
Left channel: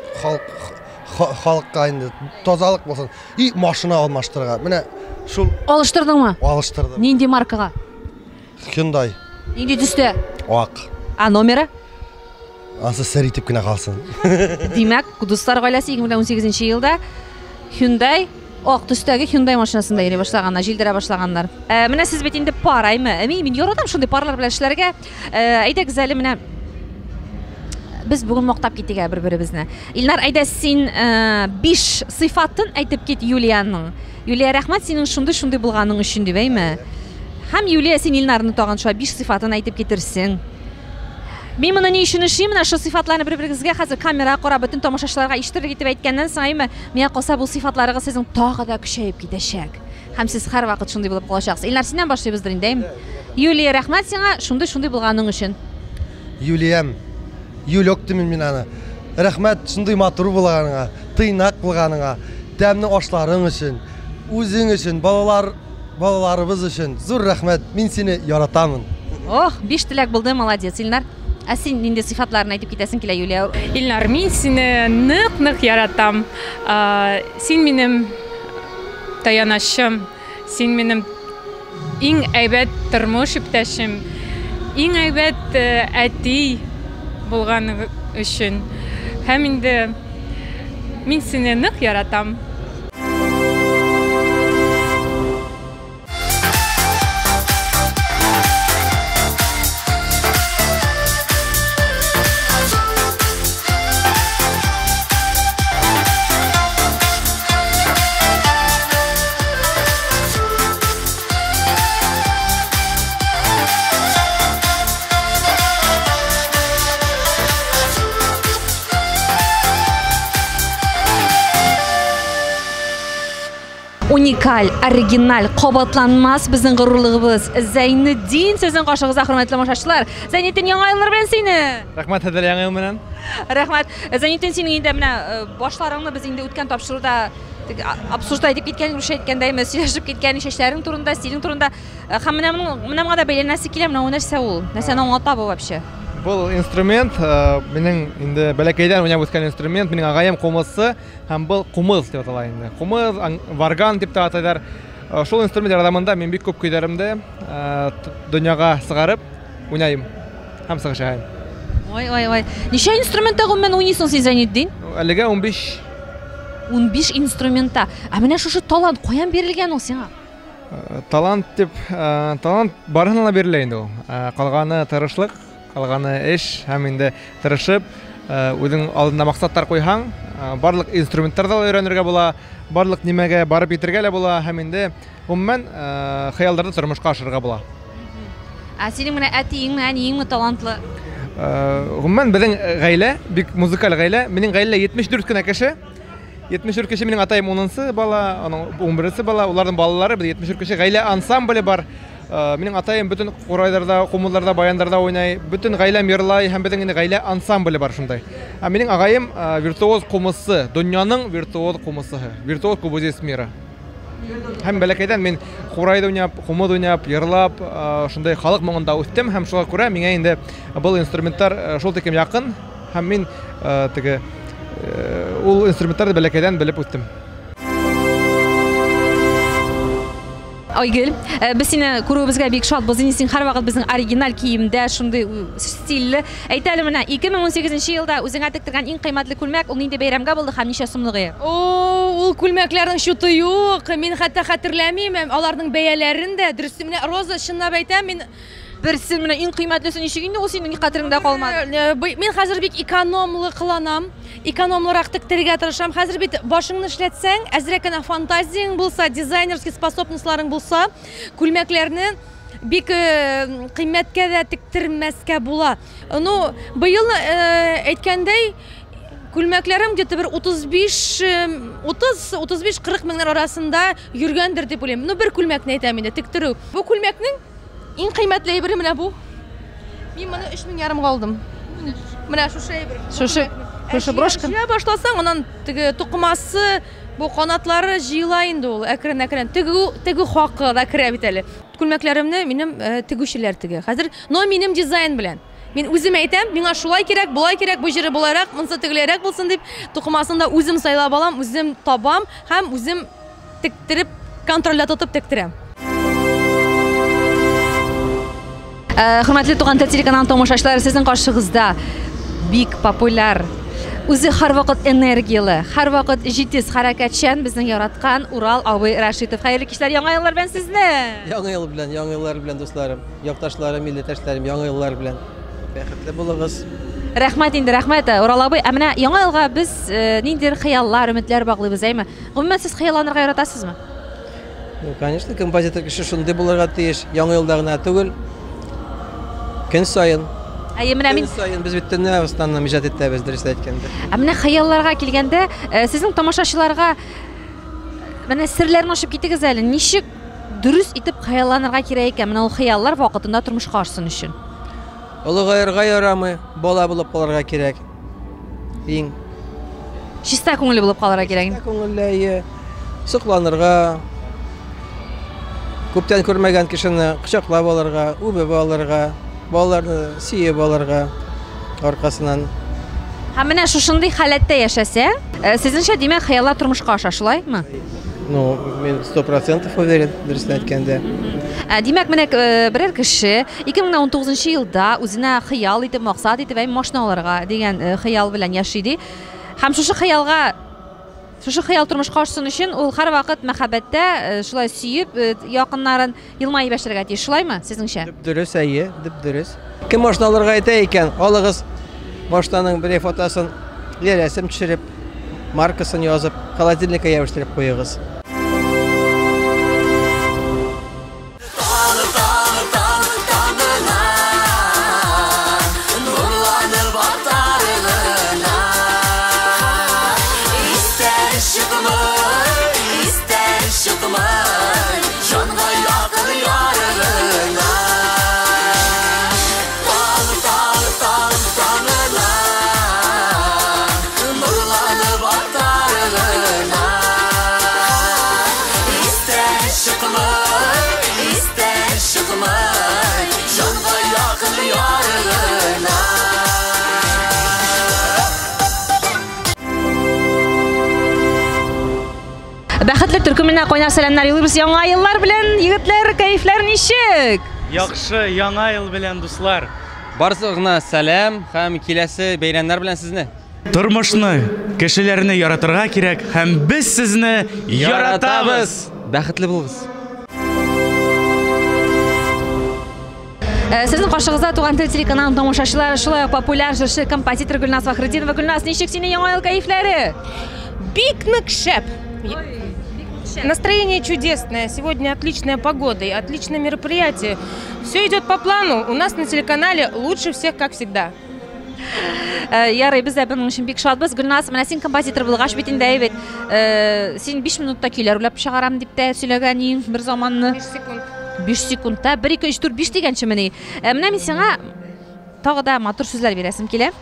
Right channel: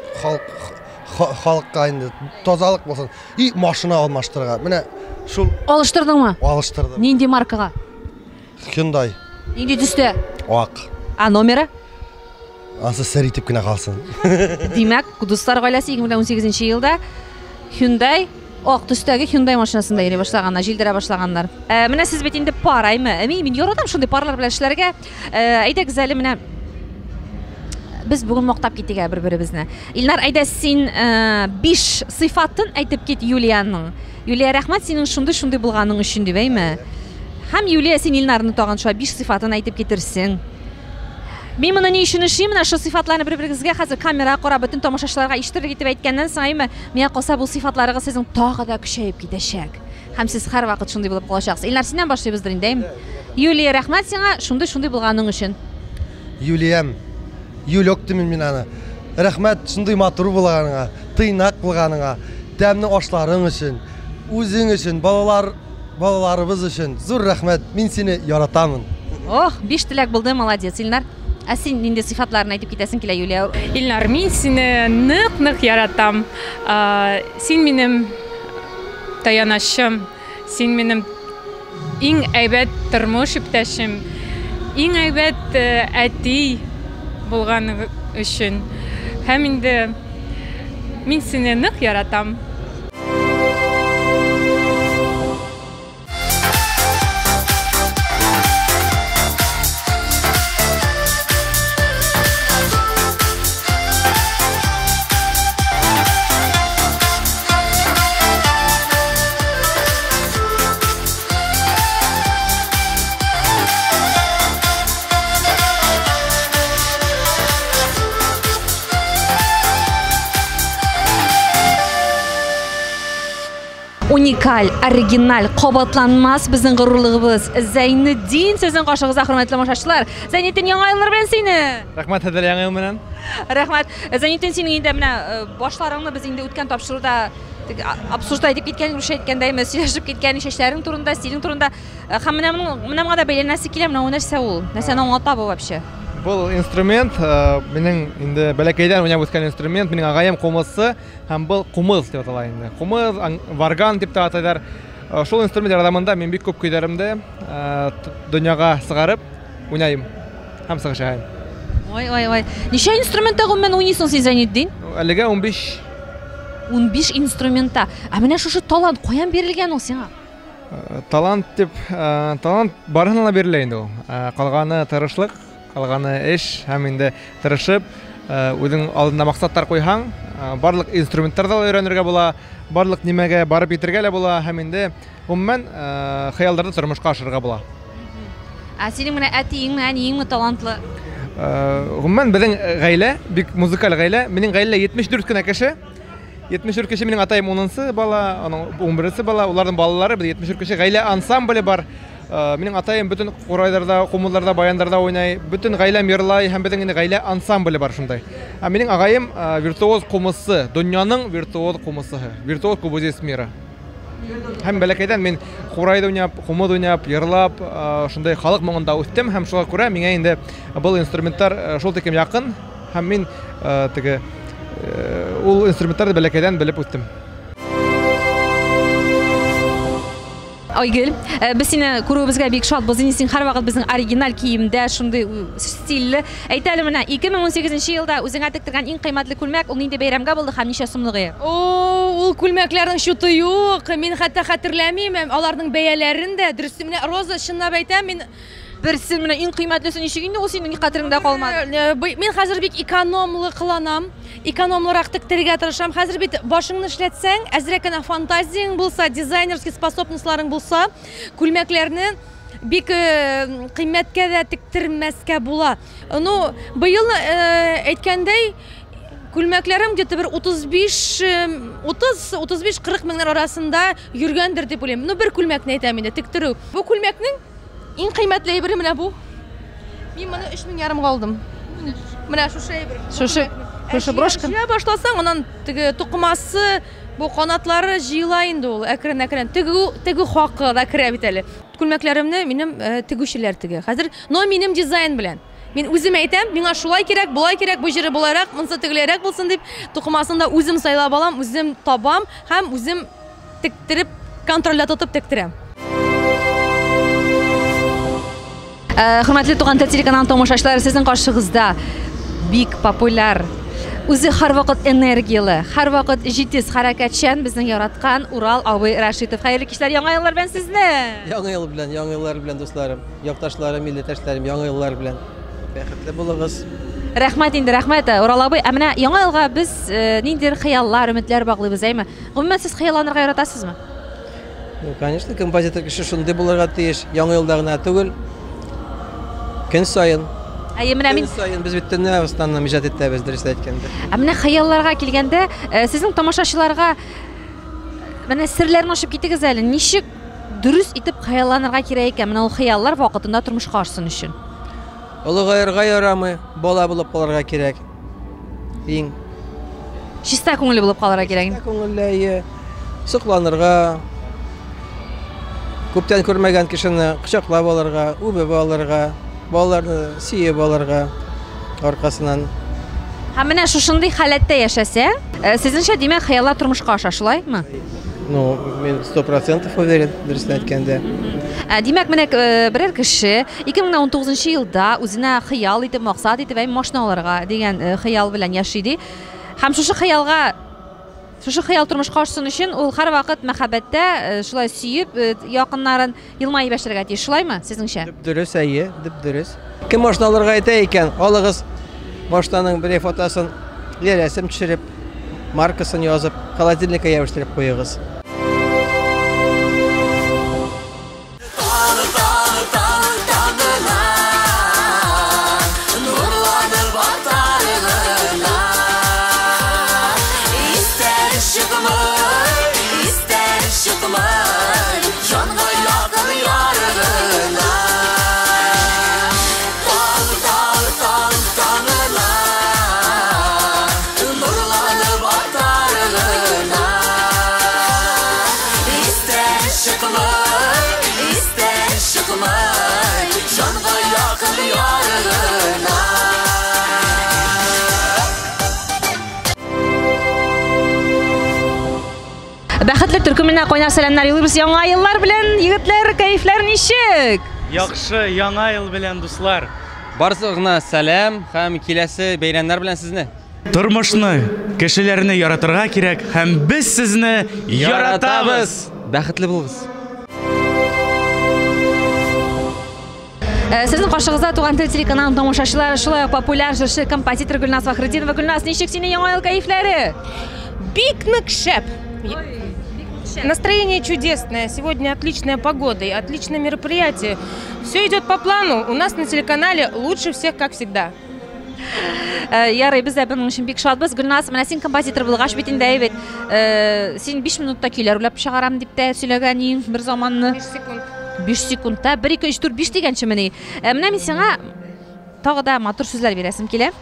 халыкка инде тазалык булсын. И машина алмаштырырга. Менә шул Алыштырдыңмы? Алыштырдым. Нинди маркага? Hyundai. Нинди төстә? Ак. Номеры? Асы сер итеп кенә калсын. Димәк, Кудустар гаиләсе 2018 елда Hyundai ак төстәге Hyundai машинасында йөри башлаганнар, җилдерә башлаганнар. Менә сез бит инде параймы? Мин яратам шундый парлар белән эшләргә. Әйдәгез әле менә без бүген мактап китик бер-беребезне. Илнар, әйдә син 5 сыйфатын әйтеп кит Юлияның. Юлия, рәхмәт синең шундый булганың өчен дибәйме? Һәм Юлия, син Илнарны тагын шулай 5 сыйфатын әйтеп китерсең. Мин моны ни өчен эшлим? Менә шу сыйфатларны бер-берегезгә хәзер камера карап бөтен тамашачыларга ишетергә итеп әйткәннән соң, миңа калса бу сыйфатларыгыз сезнең тагы да көчәеп китәчәк. Һәм сез һәрвакыт шундый булып калачаксыз. Илнар, синнән башлыйбыздыр инде. Юлия, рәхмәт сиңа шундый булганың өчен. Юлиям, Юлёк димин мин аны. Рәхмәт шундый матур булганыңа, тыйнак булганыңа, тәмле ашларың өчен, үзең өчен, балаларыбыз өчен. Зур рәхмәт. Мин сине яратамын. Ох, 5 теләк булды, молодец, Илнар. Син нинди сыйфатларны әйтеп китәсең килә, Юлия? Илнар, мин сине нык яратам. Син минем таянашым, син минем иң әйбәт тормыш иптәшем, иң әйбәт әти булганың өчен. Һәм инде мин сине нык яратам. Уникаль, оригиналь, кабатланмас безнең горурлыгыбыз. Зәйнетдин сезнең каршыгызда, хөрмәтле тамашачылар. Зәйнетдин, яңа еллар белән сине. Рәхмәт, хәзер яңа ел менән. Рәхмәт. Зәйнетдин, синең инде менә башларыңны без инде үткән тапшыруда абсурдта итеп киткән, рушә иткәндәйме, сөйләшеп киткән чәчләрең турында, стилең турында. Һәм менә моңа да бәйләнәсе килә, менә нәрсә ул? Нәрсәне аңлата бу вообще? Бұл инструмент, менің инде бәләкәйдән уйнап үскән инструмент, минең агайым кумысы, һәм бұл кумыз дип атала инде. Кумыз, варган дип атайлар. Шул инструмент ярдәмендә мин бик күп көйләремдә дөньяга сыгарып уйнайм һәм сыгышайм. Ой. Ничә инструментта гомумән уйныйсың син, Зәйнетдин? Әлегә 15. 15 инструментта. Менә шушы талант каян бирелгән ул сиңа? Талант барыһына бирелә инде ул. Калганы тырышлык, калганы эш һәм инде тырышып үзең алдында максаттар куйһаң, барлык инструменттарда өйрәнергә була, барлык нимәгә барып итергә лә була, һәм инде гомумән хыялларда тормышка ашырга була. Синең менә әтиең, әниең талантлы. Гомумән безнең гаилә бик музыкаль гаилә. Минең гаилә 74 кенә кеше. 74 кеше, минең атайым 10-сы бала, аның 11-се бала, уларның балалары, без 74 кеше гаилә ансамбле бар. Минең атайым бүтән курайларда, кумулларда, баяндарда уйнай, бүтән гаиләм йырлай һәм безнең гаилә ансамбле бар шундай. Минең агаем виртуоз кумысы, дөньяның виртуоз кумысы, виртуоз композиция мира. Һәм бәләкәйдән мин курайда уйнап, кумыд уйнап, йырлап, шундай халык моңында үстем һәм шуңа күрә миңа инде бу инструменттар шул тикем якын һәм мин теге ул инструменттарны бәләкәйдән белеп үстем. Айгөл, без сине күрүебезгә бик шатбыз. Син һәрвакыт безнең оригиналь киемдә, шундый стильле. Әйт әле менә 2018 елда үзеңә тектергән иң кыйммәтле күлмәк ул нинди бәйрәмгә булды һәм ничә сумлыгы? Ул күлмәкләрнең шуты юк. Мин хәтта хәтерләмим, аларның бәяләрен дә. Дөрес менә Роза чынлап әйтәм, мин берсен менә иң кыйммәтлесе ничек инде ул синең хәтереңдә калмады? Мин хәзер бик экономлы кыланам. Экономлырак тектерергә тырышам. Хәзер бит башыңны эшләтсәң, әзрәк кенә фантазияң булса, дизайнерский способностьларың булса, күлмәкләрне бик кыйммәткә дә тектермәскә була. Ну, быел әйткәндәй, күлмәкләрем где-то бер 35-40 меңнәр арасында йөргәндер дип уйлыйм. Ну, бер күлмәкне әйтәм инде, тектерү. Бу күлмәкнең иң кыйммәтле әйбере менә бу. Мин моны 3500 алдым. Менә шушы әйбер. Шушы брошка. Я башласаң, анан теге тукмасы, бу канатлары җыела инде ул. Әкрен-әкрен теге хакы да керә бит әле. Күлмәкләремне минем тегүчеләр теге. Хәзер, но минем дизайн белән. Мин үзем әйтәм, миңа шулай кирәк, булай кирәк, бу җире буларак, монсы тегеләрәк булсын дип, тукмасын да үзем сайлап алам, үзем табам һәм үзем тектереп, контрольдә тотып тектерәм. Хөрмәтле Туган тел телеканалының тамашачылары, сезнең каршыгызда бик популяр, үзе һәрвакыт энергиялы, һәрвакыт җитез хәрәкәтчән безнең яраткан Урал абый Рашитов. Хәерле кичләр, яңа еллар белән сезне. Яңа еллар белән дусларым, якташларым, милләттәшләрем, яңа еллар белән. Бәхетле булыгыз. Рәхмәт инде, рәхмәт. Урал абый, менә яңа елга без ниндидер хыяллар, өметләр баглыйбыз, әйме? Гомумән сез хыялланырга яратасызмы? Конечно, композитор кеше шундый булырга тиеш, яңа елда гына түгел. Көн сайын. Көн сайын без бөтенне устаннан иҗат итәбез, дөрес әйткәндә. Менә хыялларга килгәндә, сезнең тамашачыларга менә серләрне ачып китегез әле. Ничек дөрес итеп хыялланырга кирәк икән менә ул хыяллар вакытында тормышка ашсын өчен? Олыгайырга ярамый, бала булып калырга кирәк. Иң чиста күңелле булып калырга кирәк. Чиста күңелле, сокланырга, күптән күрмәгән кешене кочаклап алырга, үбеп алырга, балаларны сөеп алырга аркасыннан. Һәм менә шушындый халәттә яшәсә, сезнеңчә димәк хыяллар тормышка аша, шулаймы? Ну, мин 100% уверен, дөрес әйткәндә. Димәк, менә берәр кеше 2019 елда үзенә хыял итеп, максат итеп, машина алырга дигән хыял белән яши ди. Һәм шушы хыял тормышка ашсын өчен ул һәрвакыт мәхәббәттә шулай сөеп, якыннарын елмаеп яшәргә тиеш, шулаймы сезнеңчә? Дөрес, дөрес. Кем машина алырга әйтә икән, алыгыз машинаның бер фотосын, рәсем төшереп, маркасын язып, холодильникка ябыштырып куегыз. Бәхетле төркеменә кайнар сәламнар юллыйбыз. Яңа еллар белән, егетләр, кайфлар ничек? Яхшы, яңа ел белән дуслар. Барысыгына сәлам һәм киләсе бәйрәмнәр белән сезне. Тормышны, кешеләрне яратырга кирәк һәм без сезне яратабыз. Бәхетле булыгыз. Sizin qo'shig'ingizda Tugan til telekanalining tomoshabchilari shulay populyar jurchi kompozitор Gulnaz Faxriddinova. Gulnaz, nechuk sening yangi yil kayflari? Пикник шеп. Настроение чудесное. Сегодня отличная погода и отличное мероприятие. Все идет по плану. У нас на телеканале лучше всех, как всегда. Ярый, biz de bunun için bek şadbız. Gulnaz, mana sen kompozitор bulgaç bitinde evet. Sen 5 minutda kuylar ulab chiqaram deb de söyleganing bir zamanni. 5 sekund. 5 sekundda 1 2 3 4 5 degancha meni. Mana men senga tog'da motor so'zlar berasim keladi.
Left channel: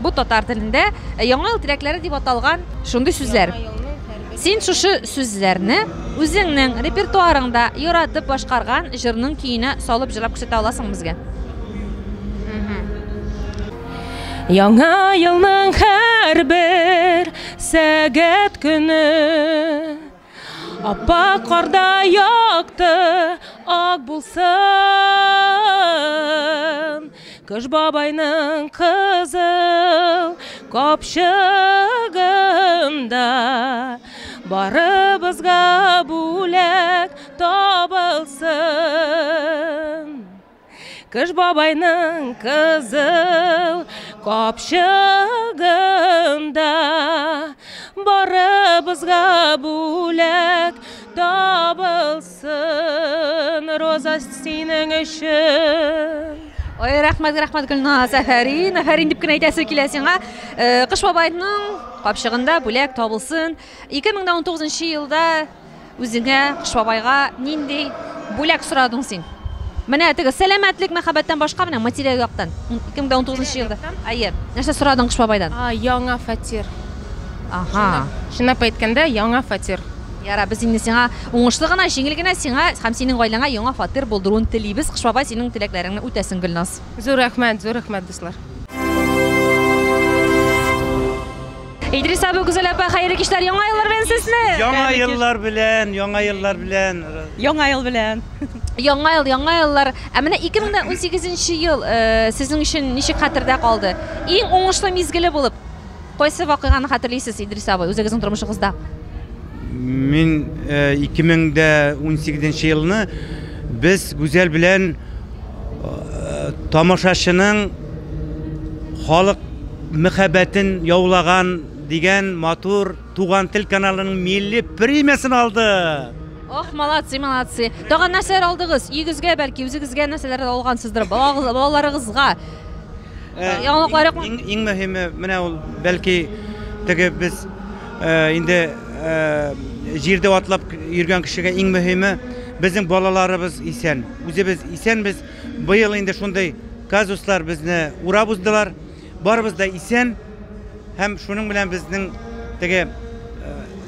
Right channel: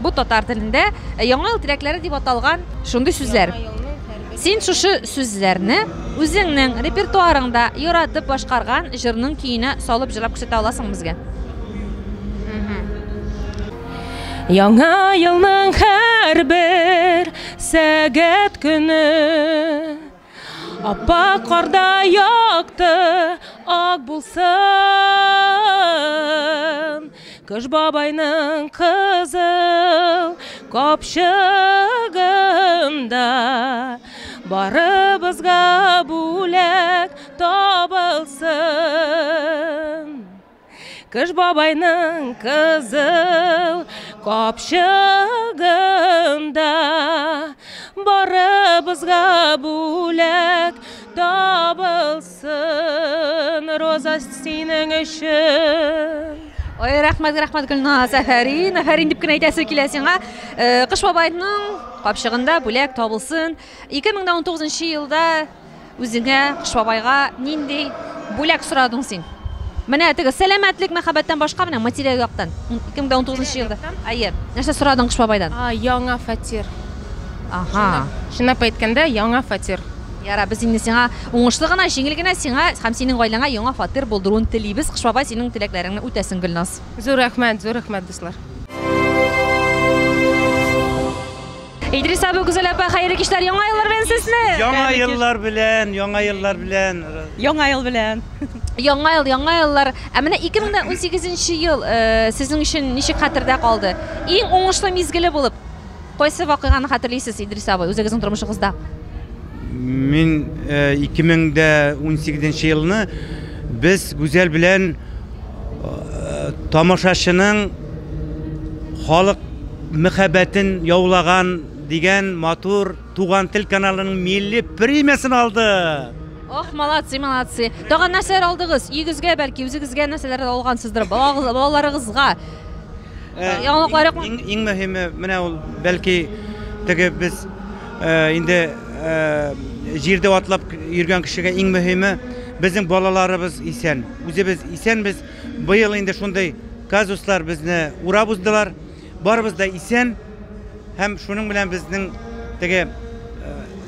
Bu tatar tilinde yangi yil tilaklari deb atalgan shunday so'zlar. Sen şu so'zlarni o'zingning repertuarыңda yaratib boshqargan jirning kiyini solib jilab ko'rsata olasың bizga. Яңа елның һәр бер сәгать көне аппақ қарда яқты ак булсын. Кыш бабайның қызыл капчыгында барыбызга бүләк табылсын. Кыш бабайның қызыл капчыгында барыбызга бүләк табылсын. Роза синең өчен. Ой, рахмат Gulnaz, Афарин дип кенә әйтәсе килә сиңа. Кыш бабайның капчыгында бүләк табылсын. 2019 елда үзеңә Кыш бабайга нинди бүләк сорадың син? Менә теге сәламәтлек, мәхәббәттән башка менә материал яктан 2019 елда. Әйе, нәрсә сорадың Кыш бабайдан? Яңа фатир. Аха. Шунап әйткәндә, яңа фатир. Яра, biz инде сиңа уңышлы гына, җиңел генә сиңа һәм синең гаиләңә яңа фатир булдыруын телибез. Кыш бабай синең теләкләреңне үтәсен, Gulnaz. Зур рәхмәт, дуслар. Идрис абый, Гүзәл апа, хәерле кичләр, яңа еллар белән сезне. Яңа еллар белән. Яңа еллар. Ә менә 2018 ел сезнең өчен ничек хәтердә калды? Иң уңышлы мизгеле булып, кайсы вакыйганы хәтерлисез, Идрис абый, үзегезнең тормышыгызда? Мен 2018 елны biz Гүзәл белән тамашачының халык мәхәббәтен яулаган дигән матур Туган тел каналының милли премиясын алды. Ох, молодцы. Тагын нәрсәләр алдыгыз? Игезгә, бәлки үзегезгә нәрсәләр алгансыздыр, балаларыгызга. Яңалыклар юкмы? Иң мөһиме менә ул бәлки теге без инде җирдә атлап йөргән кешегә иң мөһиме безнең балаларыбыз исән. Үзебез исәнбез. Быел инде шундый казуслар безне урап уздылар. Барыбыз да исән һәм шуның белән безнең теге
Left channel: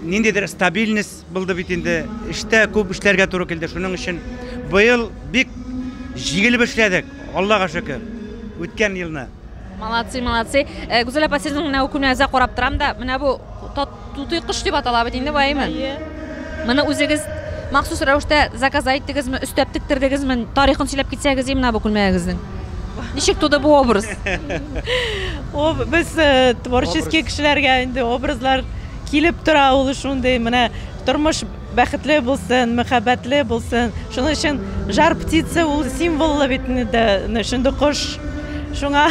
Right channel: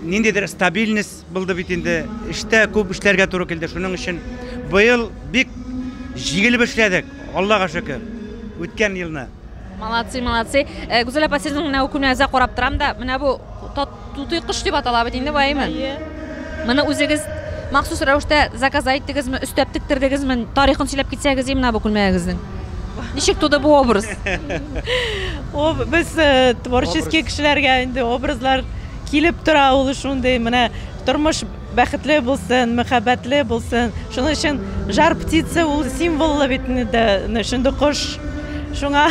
ниндидер стабильность булды бит инде. Эштә күп эшләргә туры килде. Шуның өчен быел бик җигелеп эшләдек. Аллага шөкер. Үткән елны. Молодцы. Гүзәл апа, сезнең менә күнәзә карап торам да, менә бу Туты кыш дип атала бит инде байымы? Моны үзегез махсус рәвештә заказ иттегезме, өстәп тиктердегезме, тарихын сөйләп китсәгез, менә бу күлмәгезнең. Ничек туды бу образ? Без творческий кешеләргә инде образлар килеп тора, ул шундый менә тормыш бәхетле булсын, мәхәббәтле булсын. Шуның өчен жар птица ул символы бит инде, шундый кош. Шуңа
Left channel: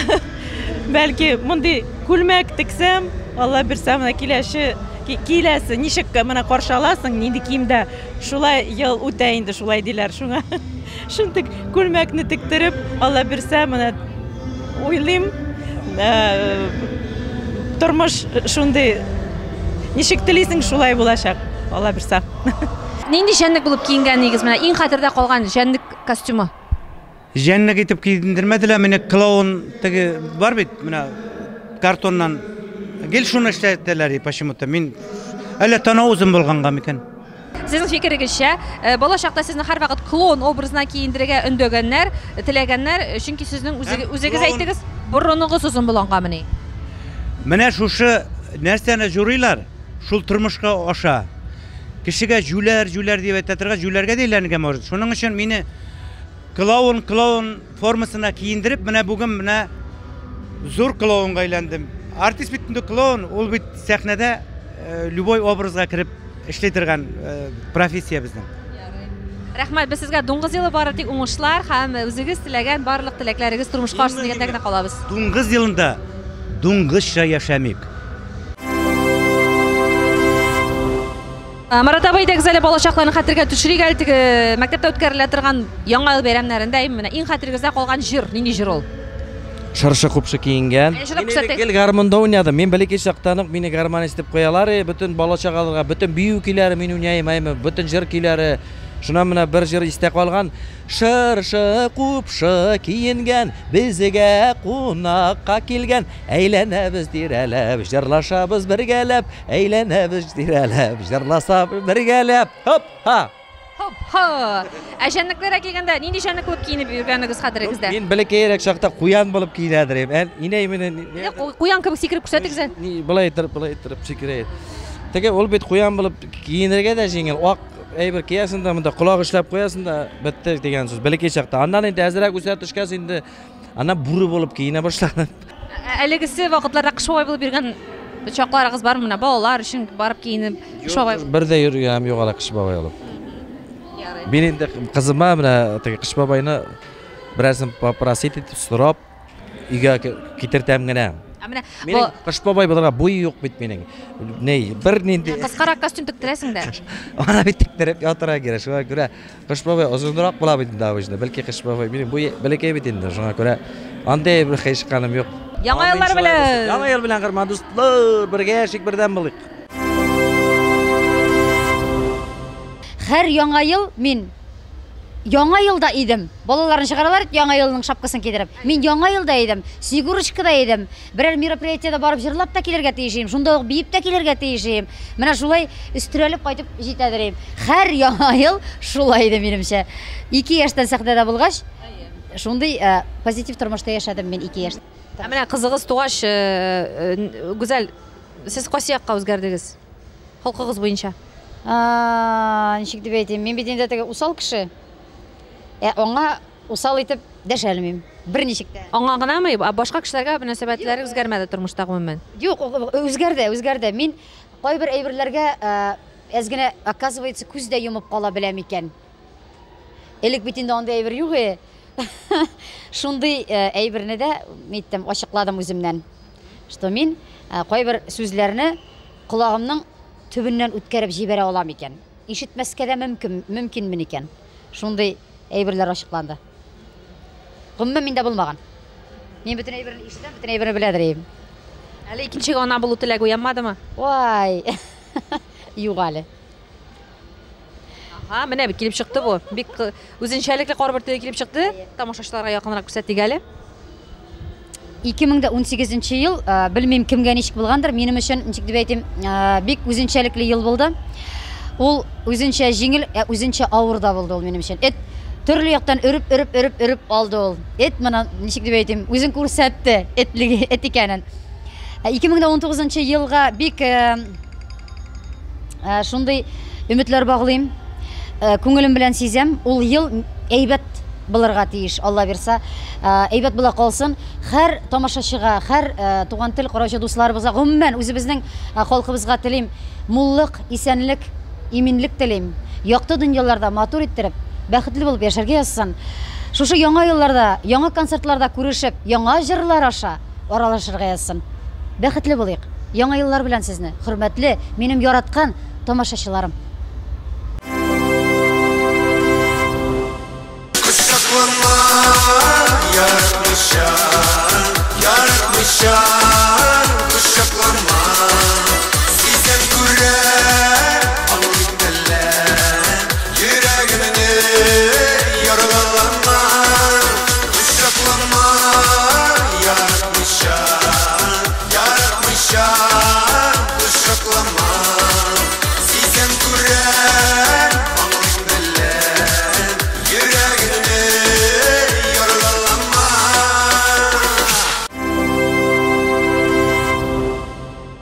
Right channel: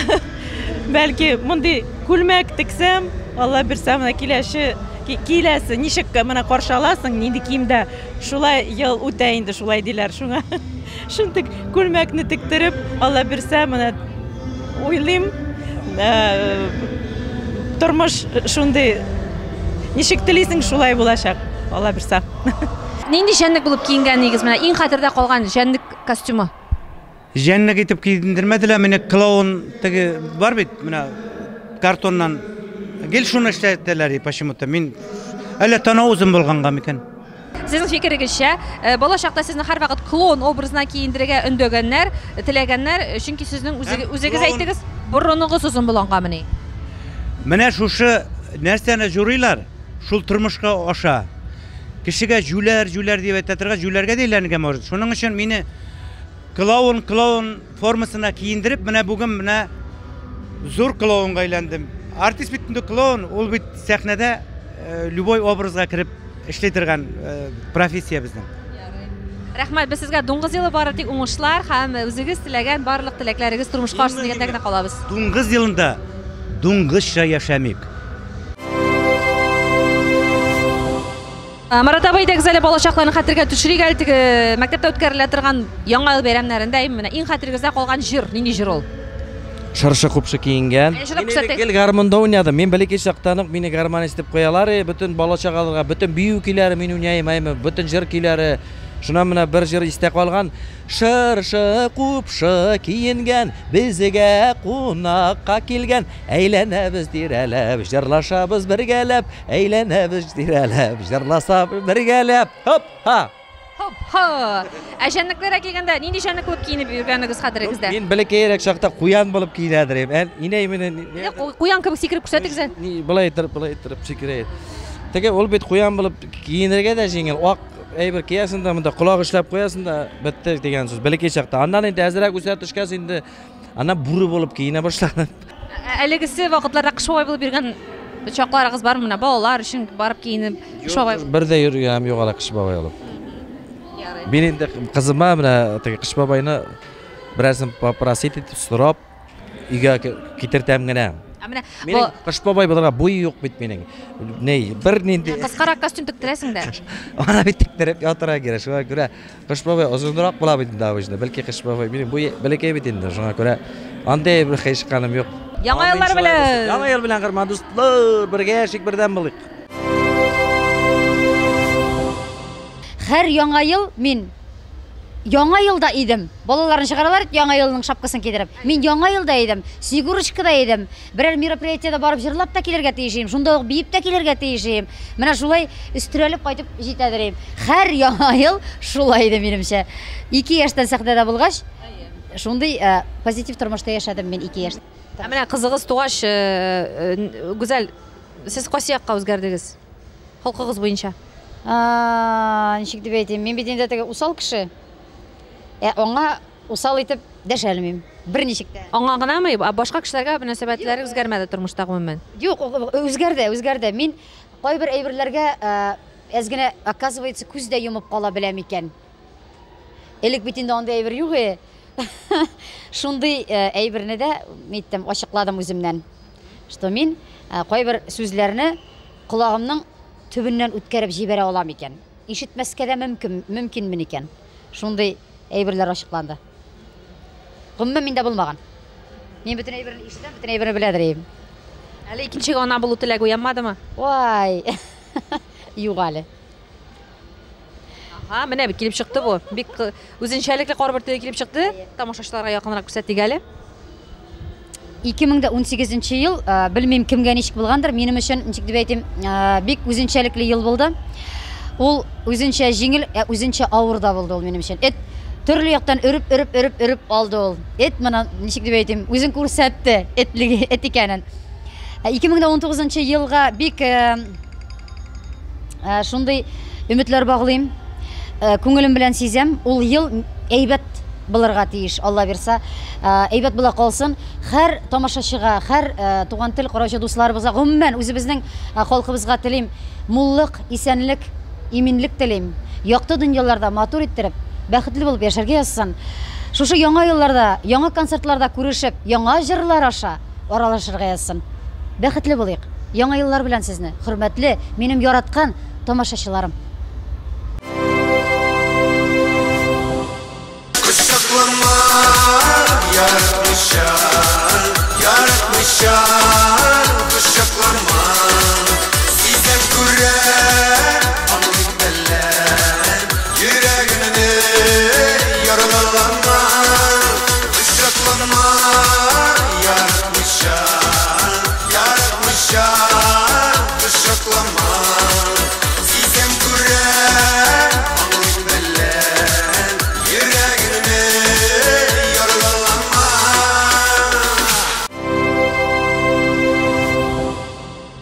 бәлки мондый күлмәк тиксәм, Алла бирсә, менә киләсе ничек менә каршы аласың, нинди киемдә шулай ел үтә инде, шулай диләр. Шуңа шундый күлмәкне тиктереп, Алла бирсә, менә уйлыйм, тормыш шундый ничек телисең, шулай булачак. Алла бирсә. Нинди җәнлек булып киенгәнегез, менә иң хәтердә калган җәнлек костюмы? Җәнлек итеп киендермәделәр, менә клоун теге бар бит, менә картоннан гел шуны эшләттеләр, почему-то мин әллә танаузым булганга микән. Сезнең фикерегезчә, бала чакта сезне һәрвакыт клоун образына киендерергә өндәгәннәр, теләгәннәр, чөнки сезнең үзегез әйтегез, бурыныгыз узын булгангамыни. Менә шушы нәрсәне журыйлар, шул тормышка аша. Кешегә жүләр дип әйтәләргә, жүләргә диләргә может. Шуның өчен мине клоун формасына киендереп, менә бүген менә зур клоунга әйләндем. Артист бит инде клоун, ул бит сәхнәдә любой образга кирип эшли торган профессия безнең. Рәхмәт, без сезгә дуңгыз елы бары тик уңышлар һәм үзегез теләгән барлык теләкләрегез тормышка ашсын дигәндә генә калабыз. Дуңгыз елында дуңгызча яшәмик. Марат абый да гүзәл балачакларны хәтергә төшерик әле теге мәктәптә үткәрелә торган яңа ел бәйрәмнәрендә менә иң хәтергездә калган җыр, нинди җыр ул? Шыршы купшы киенгән. Гел гармонда уйнадым. Мен бәләкәй чактан ук мине гармонист дип куялар, бөтен балачагаларга, бөтен бию көйләре мин уйнаймын, бөтен җыр көйләре. Шуна менә бер җыр истә калган. Шыршы купшы киенгән, безгә кунакка килгән, әйләнәбез тирәләп, җырлашабыз бергәләп, әйләнәбез тирәләп, җырласабыз бергәләп. Хоп, ха. Хоп, ха. Әҗәнлекләргә килгәндә нинди җәнлек булып киенеп йөргәнегез хәтерегездә? Мин бәләкәйрәк чакта куян булып киенәдем. Инәй мине куян кебек сикереп күрсәтегез. Булай иттереп сикерә. Теге ул бит куян булып киенергә дә җиңел. Ак әйбер киясен дә монда колагы эшләп куясың да бетте дигән сүз. Бәләкәй чакта. Аннан инде әзрәк үсә төшкәс инде ана буры булып киенә башладым. Әлегесе вакытларда кыш бабай булып йөргән чакларыгыз бармы? Менә балалар өчен барып киенеп кыш бабай. Бер дә йөргәм юк ала кыш бабай булып. Мин инде кызыма менә теге кыш бабайны берәрсен попросить итеп сорап өйгә китертәм генә. Менә кыш бабай булырга буй юк бит минең. Ней, бер нинди кыскарак костюм тиктерәсең дә. Ана бит тиктереп ятырга кирәк. Шуңа күрә кыш бабай озынрак була бит инде авыжны. Бәлки кыш бабай минең буй бәләкәй бит инде. Шуңа күрә андай бер хәйшканым юк. Яңа еллар белән. Яңа ел белән кырман дуслар, бергә яшик бердәм булыйк. Һәр яңа ел мин яңа елда идем. Балаларны чыгаралар, яңа елның шапкасын кидереп. Мин яңа елда идем, Снегурочкада идем. Берәр мероприятиедә барып җырлап та килергә тиешем, шунда ук биеп тә килергә тиешем. Менә шулай өстерәлеп кайтып җитәдерем. Һәр яңа ел шулай иде минемчә. 2 яшьтән сәхнәдә булгач, шундый позитив тормышта яшәдем мин 2 яшьтә. Менә кызыгыз тугач, гүзәл, сез кайсы якка үзгәрдегез? Халкыгыз буенча. Ничек дип әйтим, мин бит инде теге усал кеше. Аңа усал итеп дәшәлмим. Берничек тә. Аңа гынамы? Башка кешеләргә мөнәсәбәтләре үзгәрмәде тормышта гомумән. Юк, үзгәрде. Мин кайбер әйберләргә әзгенә оказывается күздә йомып кала беләм икән. Элек бит инде андай әйбер юк. Шундый әйберне дә әйттем, ачыкладым үземнән. Что мин кайбер сүзләрне колагымның төбеннән үткәреп җибәрә алам икән. Ишетмәскә дә мөмкинме икән. Шундый әйберләр ачыкланды. Гомумән миндә булмаган. Мин бөтен әйберне ишетәм, бөтен әйберне беләдерем. Әле икенчегә ана булу теләге уянмадымы? Вай. Юк әле. Менә бит килеп чыкты бу. Бик үзенчәлекле карбырты килеп чыкты. Тамашачыларга якынрак күрсәтик әле. 2018 ел, белмим кемгә ничек булгандыр, минем өчен ничек дип әйтим, бик үзенчәлекле ел булды. Ул үзенчә җиңел, үзенчә авыр да булды ул минем өчен. Төрле яктан өреп алды ул. Менә ничек дип әйтим, үзен күрсәтте, эт икәнен. 2019 елга бик шундый өметләр баглыйм. Күңелем белән сизәм, ул ел әйбәт булырга тиеш, Алла бирсә, әйбәт була калсын. Һәр тамашачыга, һәр туган тел караучы дусларыбызга, гомумән үзебезнең халкыбызга телим, муллык, исәнлек, иминлек телим. Якты дөньяларда матур иттереп, бәхетле булып яшәргә язсын. Шушы яңа елларда, яңа концертларда күрешеп, яңа җырлар аша аралашырга язсын. Бәхетле булыйк. Яңа еллар белән сезне, хөрмәтле, минем яраткан тамашачыларым. Yaratmışan kuşaklanma Sizden gürer alın beller Yüreğimini yaralanma Kuşaklanma Yaratmışan kuşaklanma Sizden gürer alın beller Yüreğimini yaralanma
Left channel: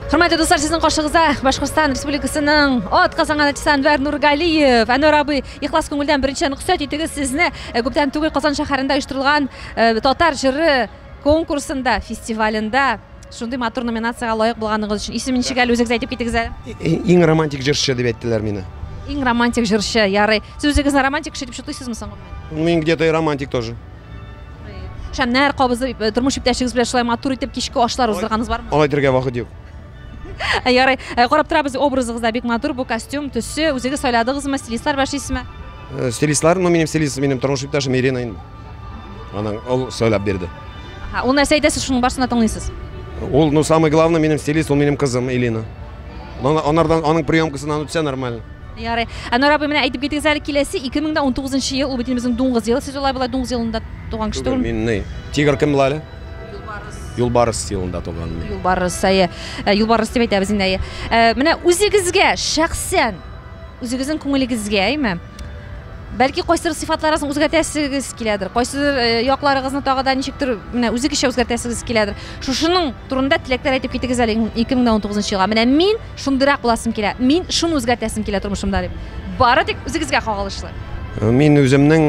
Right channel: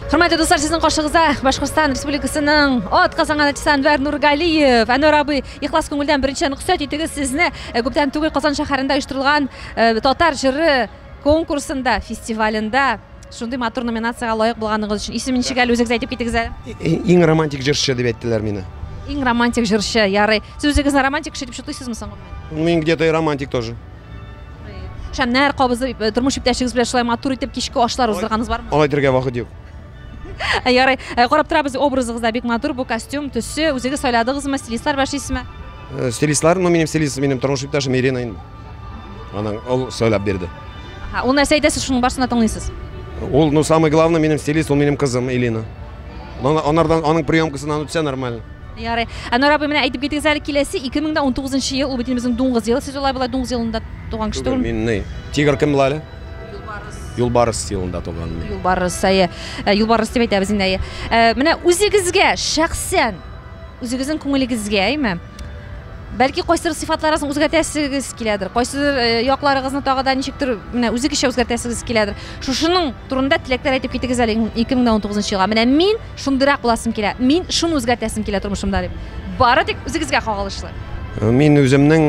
Hörmətli dostlar, sizin qarşınızda Башкортстан Республикасының атказанган Әнвәр Нургалиев, Әнвәр абый, ихлас күңелдән беренче рөхсәт итегез сезне күптән түгел Казан шәһәрендә оештырылган татар җыры конкурсында, фестивалендә шундый матур номинацияга лаек булганыгыз өчен исемен ничек әле үзегез әйтеп китегез әле? Иң романтик җырчы дип әйттеләр мине. Иң романтик жыршы, ярый. Сіз өзіңізді романтик кіші деп шутыйсыз мысың? Мен где-то и романтик тоже. Шәмнәр қабызы тормыш иптәшегез белән шулай матур итеп кичке ашлар уздырганыз бармы? Алай дәргә вакыт юк. Ярый, карап торабыз, образыгызда бик матур, бу костюм, төсе, үзегез сайладыгызмы, стилистлар башлыйсызмы? Стилистлар, минем стилист, минем тормыш иптәшем Ирина инде. Аның ул сөйләп бирде. Ул нәрсә әйтәсез, шуның барсына тыңлыйсыз. Ул, ну, самое главное, минем стилист, ул минем кызым Элина. Анардан, аның приемкасыннан үтсә нормально. Ярый. Анар абый менә әйтеп китегез әле, киләсе 2019 ел, ул бит безнең дуңгыз елы. Сез улай булай дуңгыз елында туган кеше түгелме? Мин не? Тигр кем була әле? Юлбарыс елында туган. Юлбарыс, Юлбарыс дип әйтәбез инде. Менә үзегезгә шәхсән, үзегезнең күңелегезгә, әйме? Бәлки кайсыр сыйфатларыгызны үзгәртәсегез киләдер. Кайсыр якларыгызны тагы да ничектер менә үзегезчә үзгәртәсегез киләдер. Шушының турында теләкләр әйтеп китегез әле 2019 елга. Менә мин шундырак буласым килә. Мин шуны үзгәртәсем килә тормышымда дип. Бары тик үзегезгә кагылышлы. Мин үземнең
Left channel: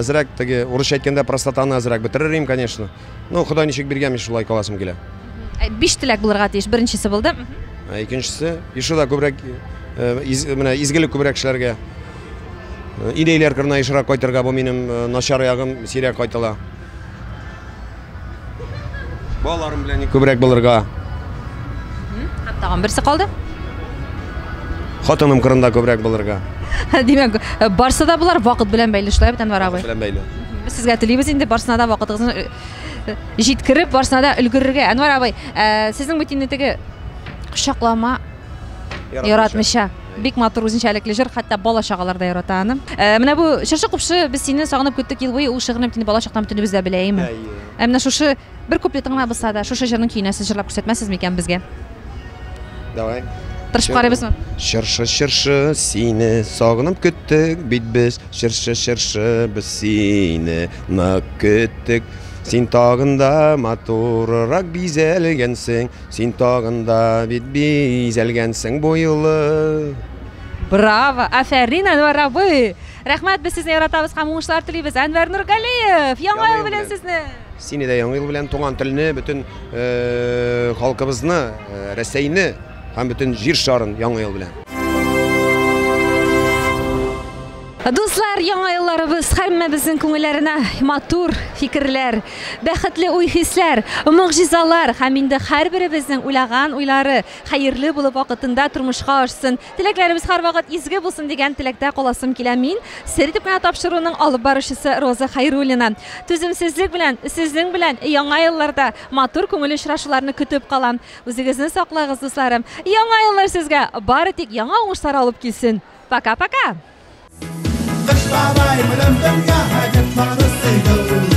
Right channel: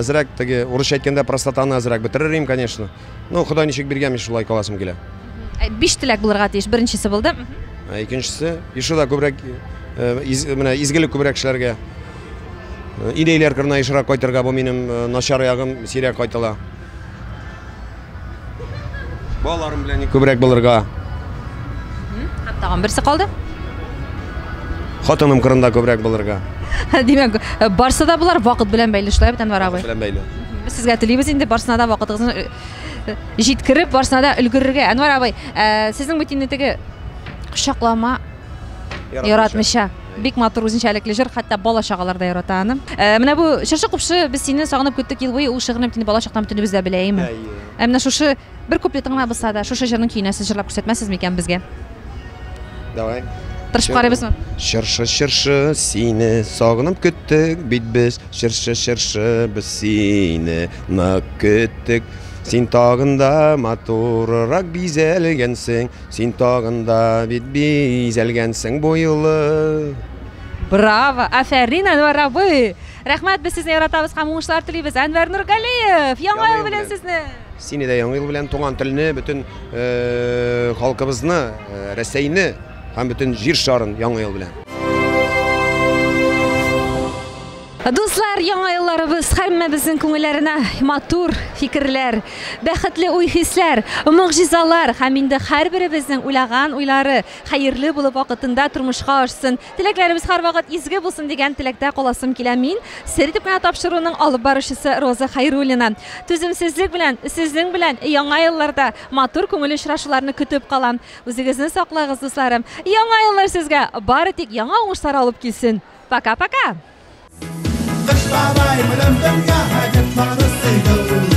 әзрәк теге урысча әйткәндә простатаны әзрәк бетерерим, конечно. Ну, Ходай ничек биргән, шулай каласым килә. 5 теләк булырга тиеш. Беренчесе булды. Икенчесе, ишуда күбрәк менә изгелек күбрәк эшләргә. Идеялар кырына ишрак кайтырга, бу минем начар ягым сирәк кайтыла. Балаларым белән күбрәк булырга. Тагын берсе калды. Хатыным кырында күбрәк булырга. Димәк, барса да булар вакыт белән бәйле эшләр бит Әнвәр абый. Белән бәйле. Без сезгә телибез инде барсына да вакытыгызны җиткереп, барсына да өлгерергә. Әнвәр абый, сезнең бит инде теге кочаклама яратмыйча. Бик матур үзенчәлекле җыр, хәтта бала чагалар да ярата аны. Менә бу Чыршы купшы, без сине сагынып көттек ел буе, ул шигырны бит бала чактан бөтенебез дә беләйме? Менә шушы бер куплетыңны булса да, шушы җырның көенә сез җырлап күрсәтмәсез микән безгә? Давай. Тырышып карыйбызмы? Чыршы, чыршы, сине сагынып көттек бит без. Чыршы, чыршы, без сине нык көттек. Син тагында матуррак бизәлгәнсең, син тагында бит бизәлгәнсең бу юлы. Браво! Афәрин Әнвәр абый! Рәхмәт, без сезне яратабыз һәм уңышлар телибез. Әнвәр Нургалиев, яңа ел белән сезне. Сине дә яңа ел белән туган телне, бөтен халкыбызны, Рәсәйне һәм бөтен җир шарын яңа ел белән. Дуслар, яңа елларыбыз һәммәбезнең күңелләренә матур фикерләр, бәхетле уй-хисләр, могҗизалар һәм инде һәрберебезнең уйлаган уйлары хәерле булып вакытында тормышка ашсын. Теләкләребез һәрвакыт изге булсын дигән теләктә каласым килә мин. Сер итеп кенә тапшыруның алып баручысы Роза Хәйруллина. Түземсезлек белән, сезнең белән яңа елларда матур күңел очрашуларны көтеп калам. Үзегезне саклагыз, дусларым. Яңа еллар сезгә бары тик яңа уңышлар алып килсен. Пока-пока. Кыш бабай белән бергә хаҗәтләр сыйдыр.